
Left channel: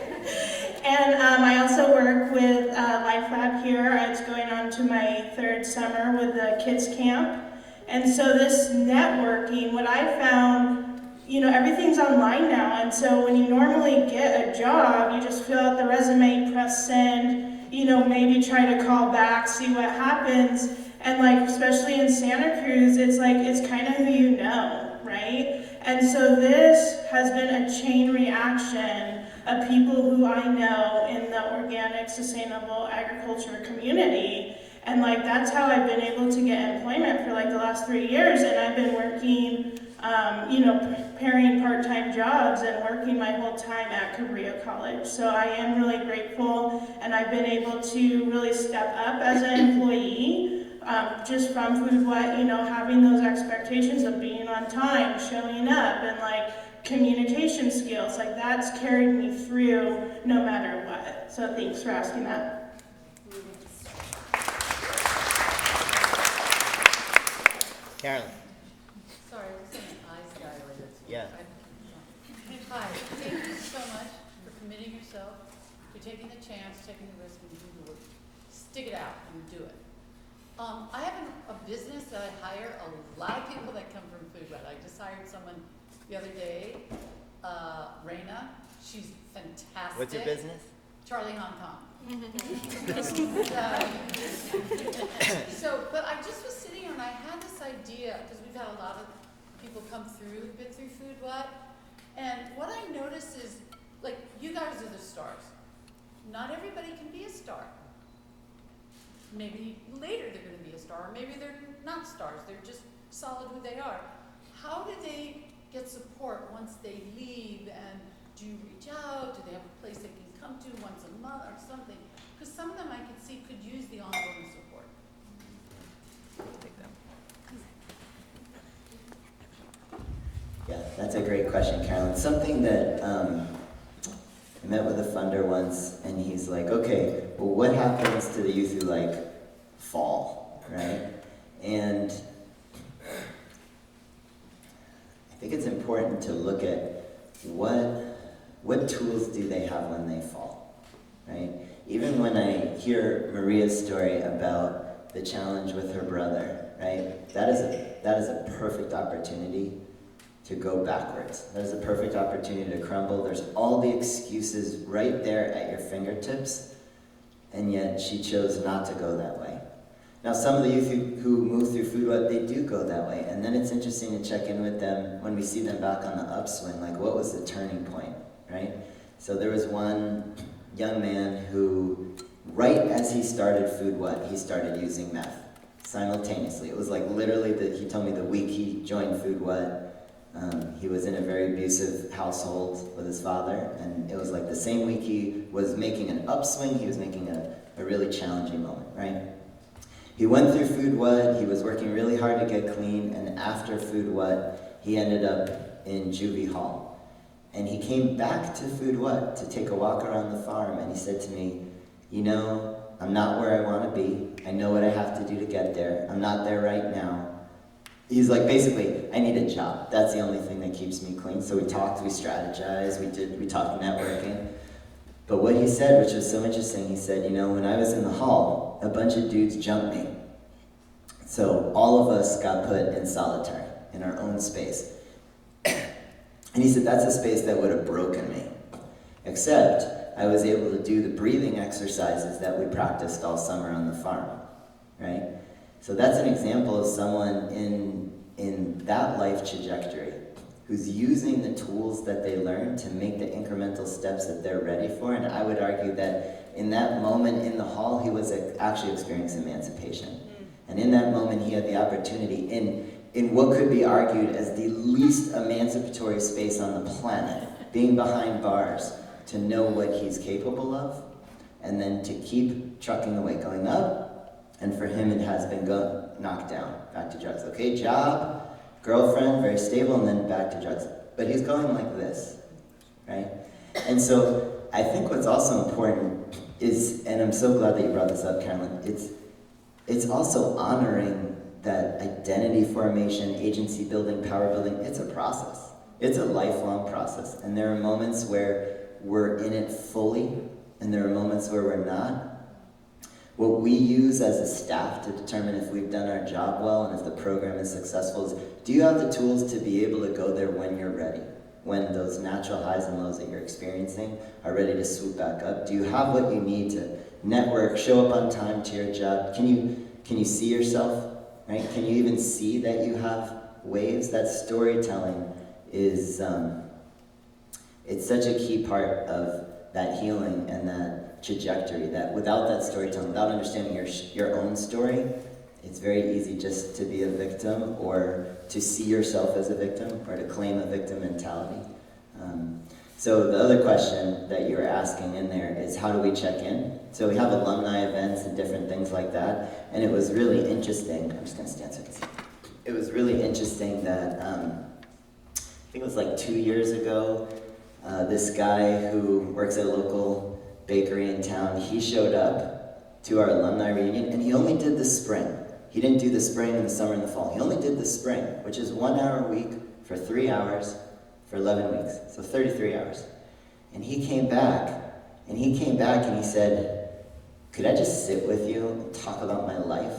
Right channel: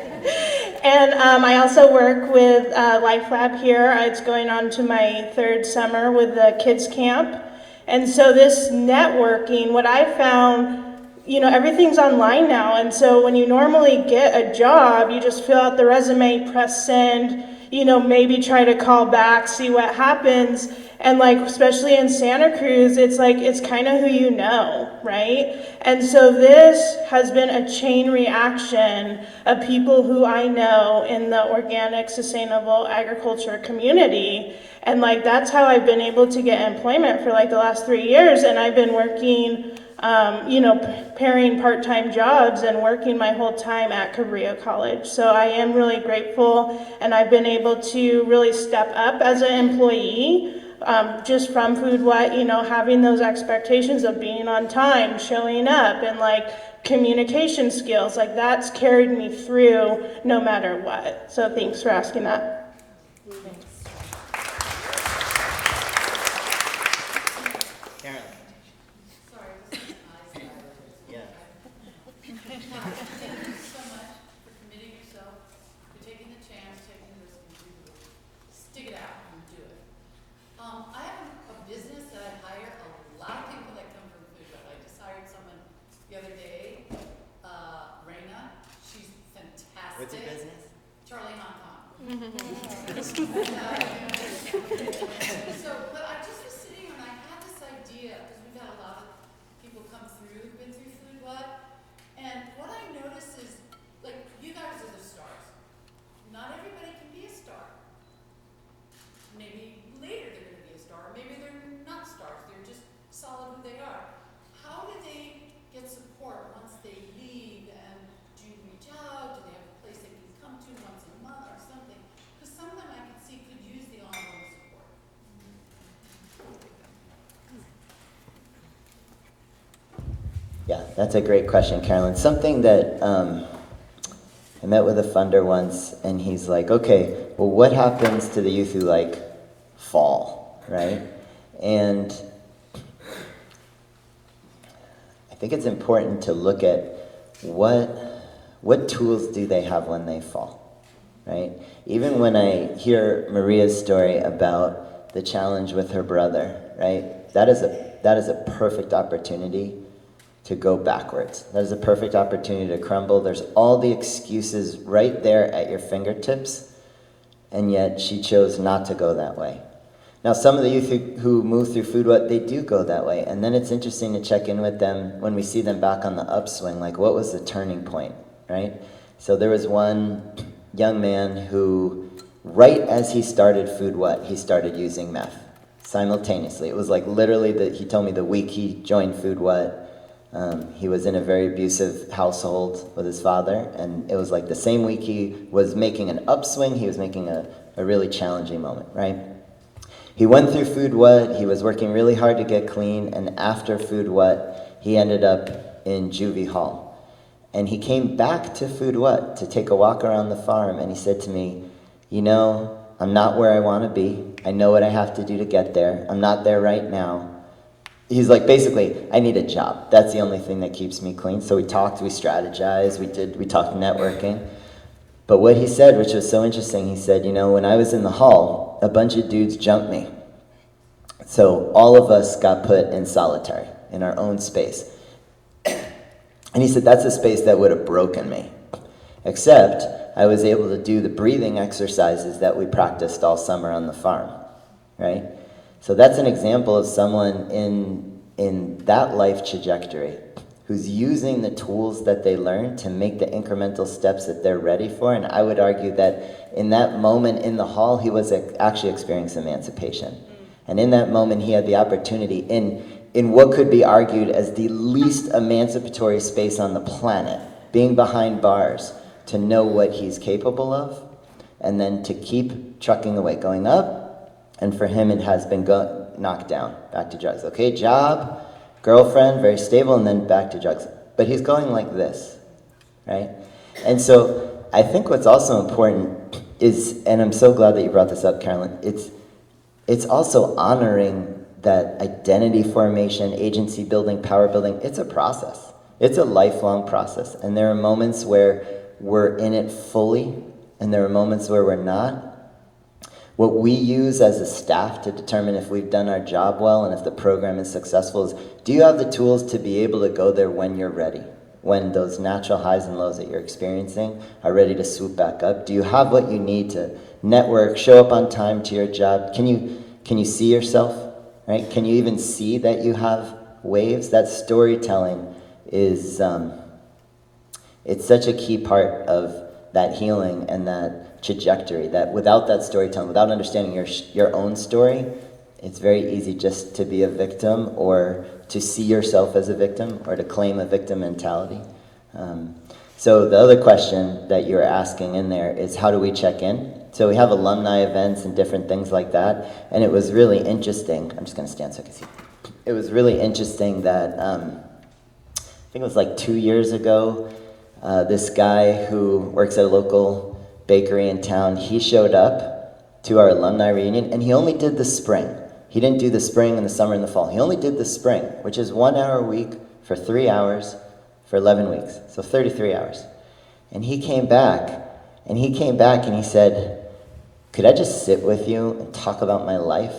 And I also work with Life Lab here. It's going on to my 3rd summer with the kids camp. And so this networking, what I found, everything's online now, and so when you normally get a job, you just fill out the resume, press send, maybe try to call back, see what happens, and especially in Santa Cruz, it's kind of who you know, right? And so this has been a chain reaction of people who I know in the organic, sustainable agriculture community, and that's how I've been able to get employment for the last 3 years, and I've been working pairing part-time jobs and working my whole time at Cabrillo College. So I am really grateful, and I've been able to really step up as an employee, just from Food What, having those expectations of being on time, showing up, and like communication skills, like that's carried me through no matter what. So thanks for asking that. Carolyn. Yeah. Hi, thank you so much for committing yourself, for taking the chance, taking the risk, and you stick it out and do it. I have a business that I hire a lot of people that come from Food Web. I just hired someone the other day, Raina. She's fantastic. What's your business? Charlie Hong Kong. But I just was sitting and I had this idea, because we've had a lot of people come through who've been through Food What. And what I notice is, like, you guys are the stars. Not everybody can be a star. Maybe later they're going to be a star, maybe they're not stars, they're just solid who they are. How do they get support once they leave, and do you reach out? Do they have a place they can come to once a month or something? Because some of them I can see could use the ongoing support. Yeah, that's a great question, Carolyn. Something that I met with a funder once, and he's like, okay, well, what happens to the youth who like fall, right? And I think it's important to look at what tools do they have when they fall, right? Even when I hear Maria's story about the challenge with her brother, right? That is a perfect opportunity to go backwards. That is a perfect opportunity to crumble. There's all the excuses right there at your fingertips, and yet she chose not to go that way. Now, some of the youth who move through Food What, they do go that way, and then it's interesting to check in with them when we see them back on the upswing, like what was the turning point, right? So there was one young man who, right as he started Food What, he started using meth simultaneously. It was like literally, he told me the week he joined Food What, he was in a very abusive household with his father, and it was like the same week he was making an upswing, he was making a really challenging moment, right? He went through Food What, he was working really hard to get clean, and after Food What, he ended up in juvie hall. And he came back to Food What to take a walk around the farm, and he said to me, I'm not where I want to be. I know what I have to do to get there. I'm not there right now. He's like, basically, I need a job. That's the only thing that keeps me clean. So we talked, we strategized, we talked networking. But what he said, which was so interesting, he said, when I was in the hall, a bunch of dudes jumped me. So all of us got put in solitary, in our own space. And he said, that's a space that would have broken me. Except I was able to do the breathing exercises that we practiced all summer on the farm, right? So that's an example of someone in that life trajectory who's using the tools that they learned to make the incremental steps that they're ready for. And I would argue that in that moment in the hall, he was actually experiencing emancipation. And in that moment, he had the opportunity in what could be argued as the least emancipatory space on the planet, being behind bars, to know what he's capable of, and then to keep trucking away, going up. And for him, it has been knocked down, back to drugs. Okay, job, girlfriend, very stable, and then back to drugs. But he's going like this, right? And so I think what's also important is, and I'm so glad that you brought this up, Carolyn, it's also honoring that identity formation, agency building, power building. It's a process. It's a lifelong process. And there are moments where we're in it fully, and there are moments where we're not. What we use as a staff to determine if we've done our job well and if the program is successful is, do you have the tools to be able to go there when you're ready? When those natural highs and lows that you're experiencing are ready to swoop back up? Do you have what you need to network, show up on time to your job? Can you see yourself, right? Can you even see that you have waves? That storytelling is, it's such a key part of that healing and that trajectory, that without that storytelling, without understanding your own story, it's very easy just to be a victim or to see yourself as a victim or to claim a victim mentality. So the other question that you're asking in there is, how do we check in? So we have alumni events and different things like that, and it was really interesting. I'm just going to stand so I can see. It was really interesting that I think it was like 2 years ago, this guy who works at a local bakery in town, he showed up to our alumni reunion, and he only did the spring. He didn't do the spring and the summer and the fall. He only did the spring, which is 1 hour a week for 3 hours for 11 weeks, so 33 hours. And he came back, and he said, could I just sit with you and talk about my life?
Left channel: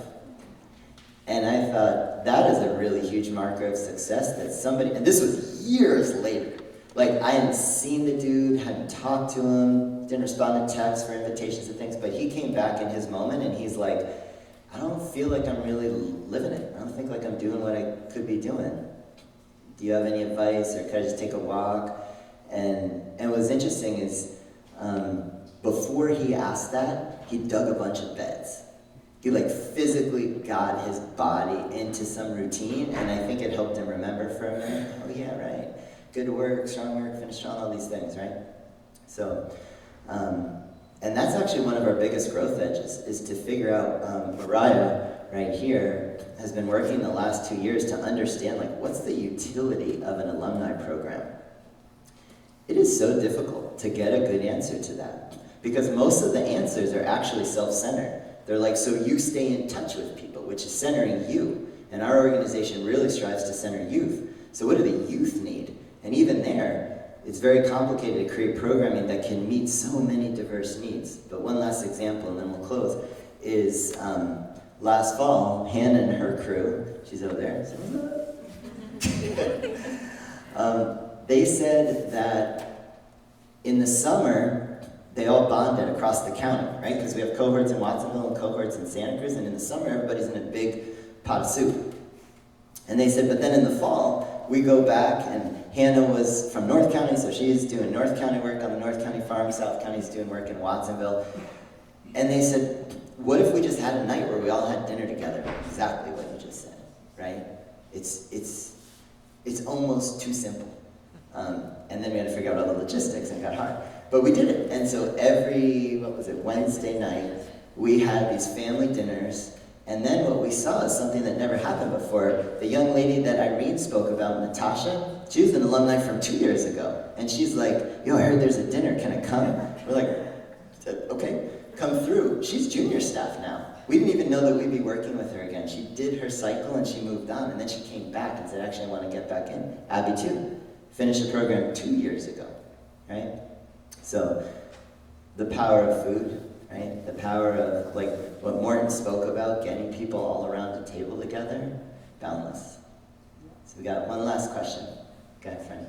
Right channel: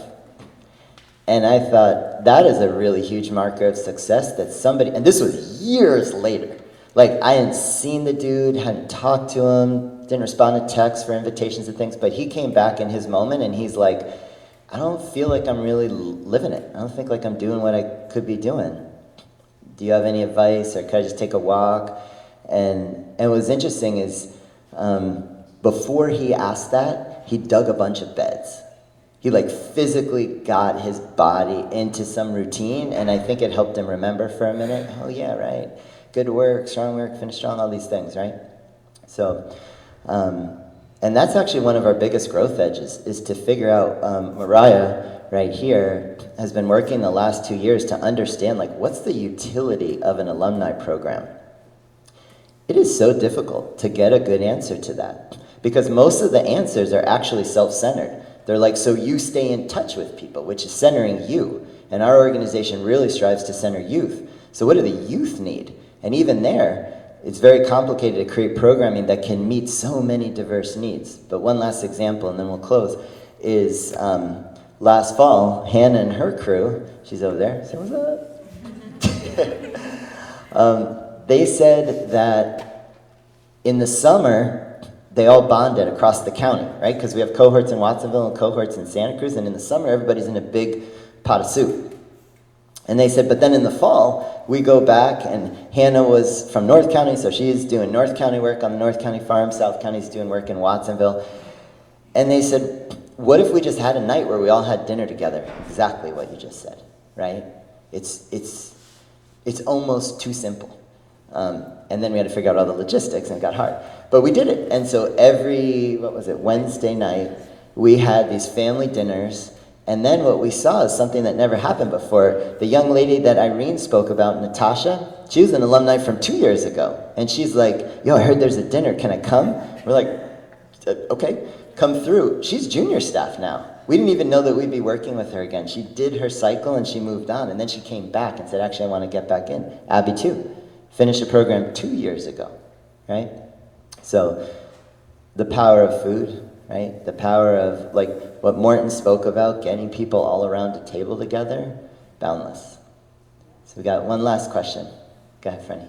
And I thought, that is a really huge marker of success that somebody, and this was years later, like I hadn't seen the dude, hadn't talked to him, didn't respond to texts for invitations and things, but he came back in his moment and he's like, I don't feel like I'm really living it. I don't think like I'm doing what I could be doing. Do you have any advice, or could I just take a walk? And what's interesting is, before he asked that, he dug a bunch of beds. He like physically got his body into some routine, and I think it helped him remember for a minute, oh yeah, right, good work, finish strong, all these things, right? So, and that's actually one of our biggest growth edges, is to figure out, Mariah, right here, has been working the last 2 years to understand, like, what's the utility of an alumni program? It is so difficult to get a good answer to that, because most of the answers are actually self-centered. They're like, so you stay in touch with people, which is centering you. And our organization really strives to center youth. So what do the youth need? And even there, it's very complicated to create programming that can meet so many diverse needs. But one last example, and then we'll close, is last fall, Hannah and her crew, she's over there, say what's up? They said that in the summer, they all bonded across the county, right? Because we have cohorts in Watsonville and cohorts in Santa Cruz, and in the summer, everybody's in a big pot of soup. And they said, but then in the fall, we go back, and Hannah was from North County, so she's doing North County work on the North County farm, South County's doing work in Watsonville. And they said, what if we just had a night where we all had dinner together? Exactly what you just said, right? It's almost too simple. And then we had to figure out all the logistics, and it got hard. But we did it. And so every, Wednesday night, we had these family dinners. And then what we saw is something that never happened before. The young lady that Irene spoke about, Natasha, she was an alumni from 2 years ago. And she's like, yo, I heard there's a dinner. Can I come? We're like, okay, come through. She's junior staff now. We didn't even know that we'd be working with her again. She did her cycle and she moved on. And then she came back and said, actually, I want to get back in. Abby too. Finished the program 2 years ago, right? So the power of food, right? The power of, like, what Morton spoke about, getting people all around a table together, boundless. So we got one last question. Go ahead, Franny.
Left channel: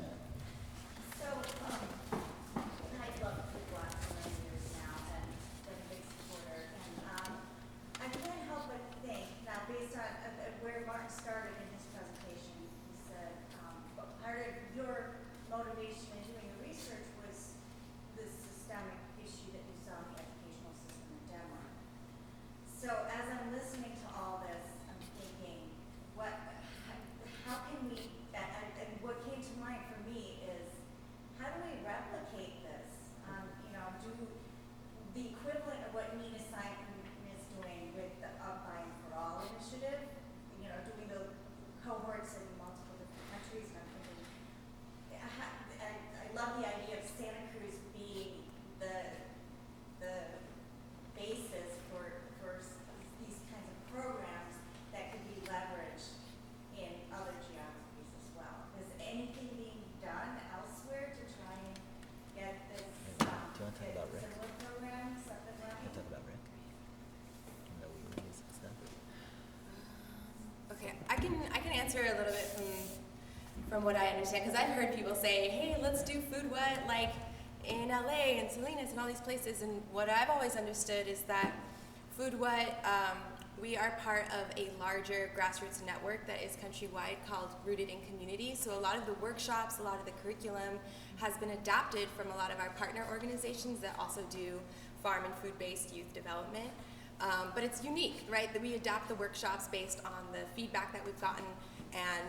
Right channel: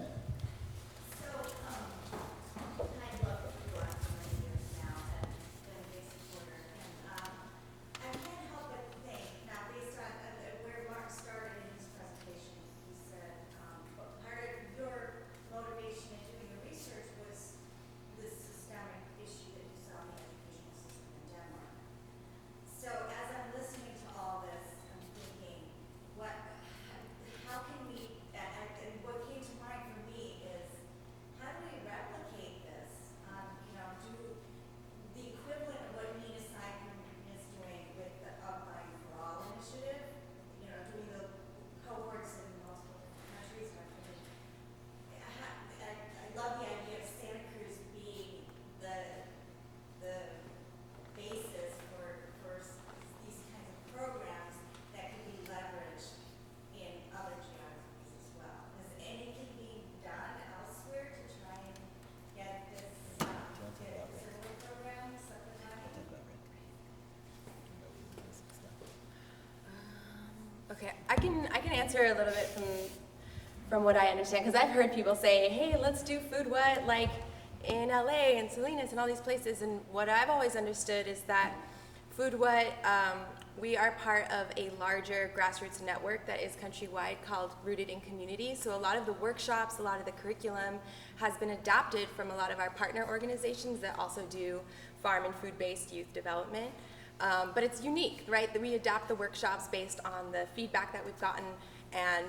I can answer a little bit from what I understand, because I've heard people say, hey, let's do Food What, like in LA and Salinas and all these places, and what I've always understood is that Food What, we are part of a larger grassroots network that is countrywide called Rooted in Community. So a lot of the workshops, a lot of the curriculum has been adapted from a lot of our partner organizations that also do farm and food-based youth development. But it's unique, right? That we adapt the workshops based on the feedback that we've gotten and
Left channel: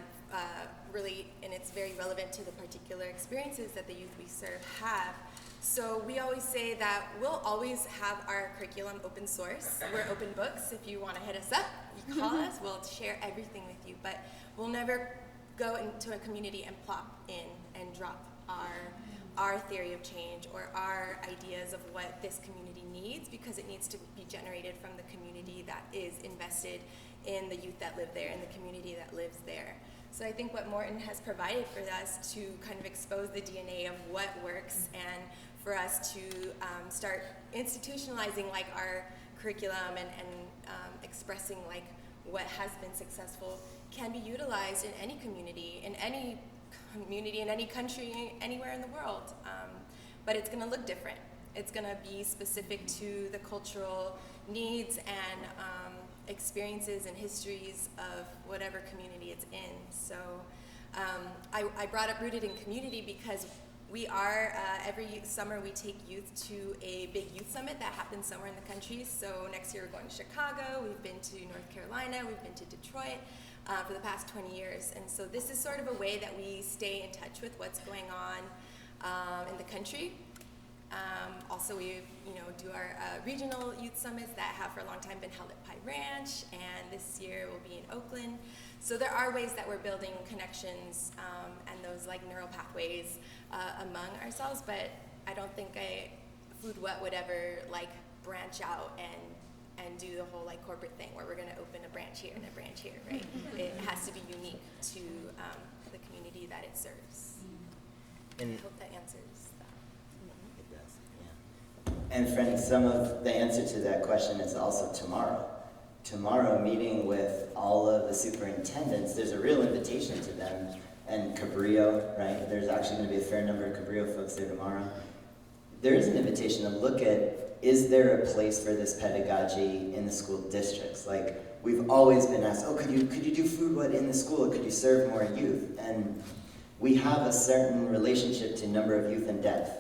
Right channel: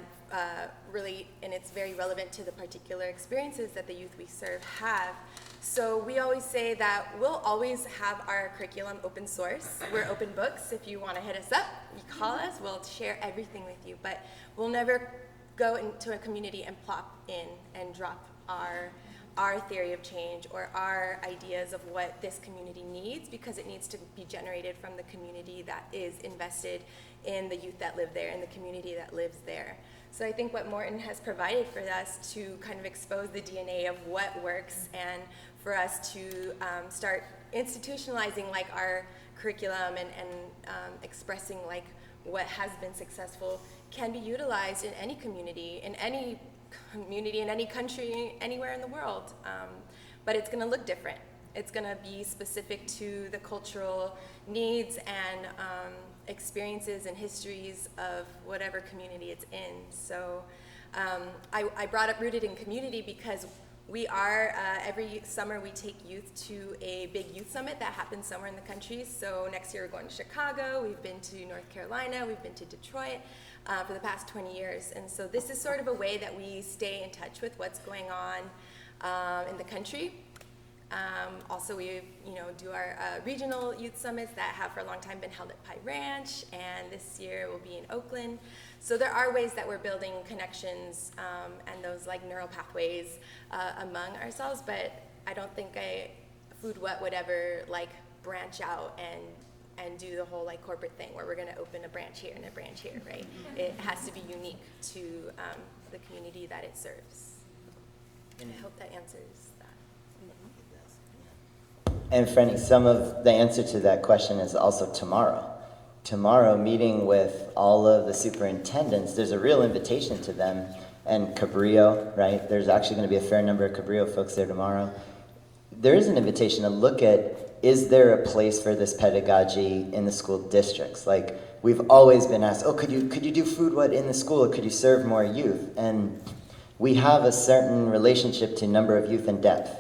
really, and it's very relevant to the particular experiences that the youth we serve have. So we always say that we'll always have our curriculum open source. We're open books. If you want to hit us up, you call us, we'll share everything with you. But we'll never go into a community and plop in and drop our theory of change or our ideas of what this community needs, because it needs to be generated from the community that is invested in the youth that live there and the community that lives there. So I think what Morton has provided for us to kind of expose the DNA of what works and for us to start institutionalizing like our curriculum and expressing like what has been successful can be utilized in any community, in any country, anywhere in the world. But it's gonna look different. It's gonna be specific to the cultural needs and experiences and histories of whatever community it's in. So I brought up Rooted in Community because we are, every summer we take youth to a big youth summit that happens somewhere in the country. So next year we're going to Chicago, we've been to North Carolina, we've been to Detroit for the past 20 years. And so this is sort of a way that we stay in touch with what's going on in the country. Also, we do our regional youth summits that have for a long time been held at Pie Ranch, and this year will be in Oakland. So there are ways that we're building connections and those like neural pathways among ourselves, but I don't think Food What would ever like branch out and do the whole like corporate thing where we're going to open a branch here and a branch here, right? It has to be unique to the community that it serves. And I hope that answers that. It does, yeah. And Franny, some of the answer to that question is also tomorrow. Tomorrow, meeting with all of the superintendents, there's a real invitation to them, and Cabrillo, right? There's actually going to be a fair number of Cabrillo folks there tomorrow. There is an invitation to look at, is there a place for this pedagogy in the school districts? Like, we've always been asked, oh, could you do Food What in the school? Could you serve more youth? And we have a certain relationship to number of youth and depth.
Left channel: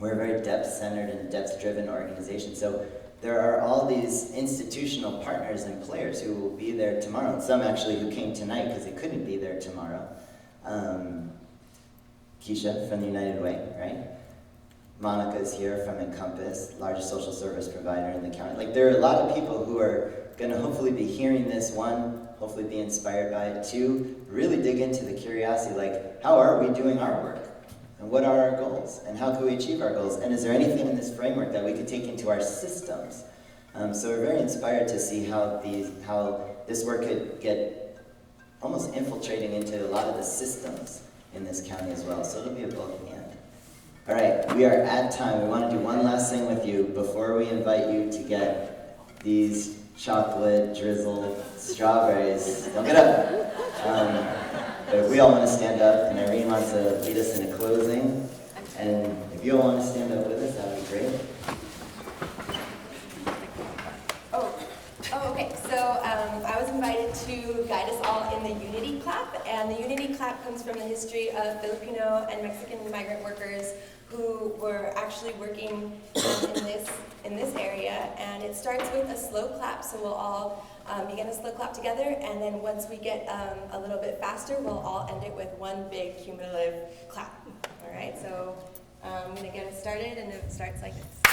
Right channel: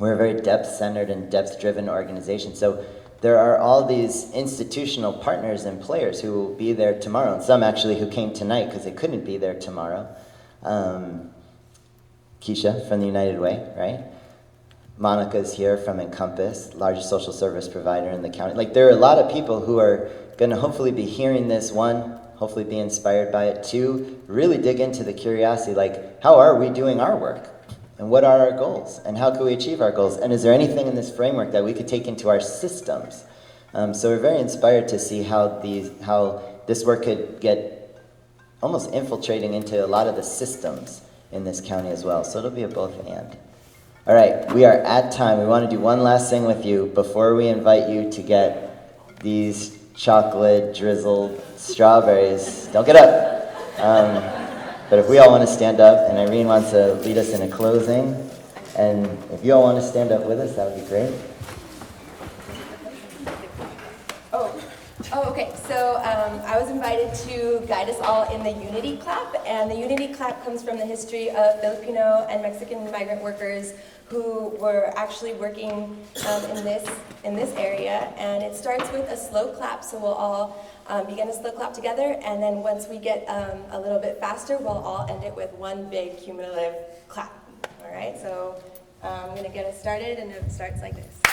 We're a very depth-centered and depth-driven organization. So there are all these institutional partners and players who will be there tomorrow, and some actually who came tonight because they couldn't be there tomorrow. Keisha from the United Way, right? Monica's here from Encompass, largest social service provider in the county. Like, there are a lot of people who are going to hopefully be hearing this, one, hopefully be inspired by it, two, really dig into the curiosity, like, how are we doing our work? And what are our goals? And how can we achieve our goals? And is there anything in this framework that we could take into our systems? So we're very inspired to see how this work could get almost infiltrating into a lot of the systems in this county as well. So it'll be a both and. All right, we are at time. We want to do one last thing with you before we invite you to get these chocolate drizzled strawberries. Don't get up. But if we all want to stand up, and Irene wants to lead us in a closing, and if you all want to stand up with us, that would be great. Oh, okay. So I was invited to guide us all in the Unity Clap, and the Unity Clap comes from the history of Filipino and Mexican migrant workers who were actually working in this area, and it starts with a slow clap. So we'll all begin a slow clap together, and then once we get a little bit faster, we'll all end it with one big cumulative clap. All right. So I'm going to get us started, and it starts like this.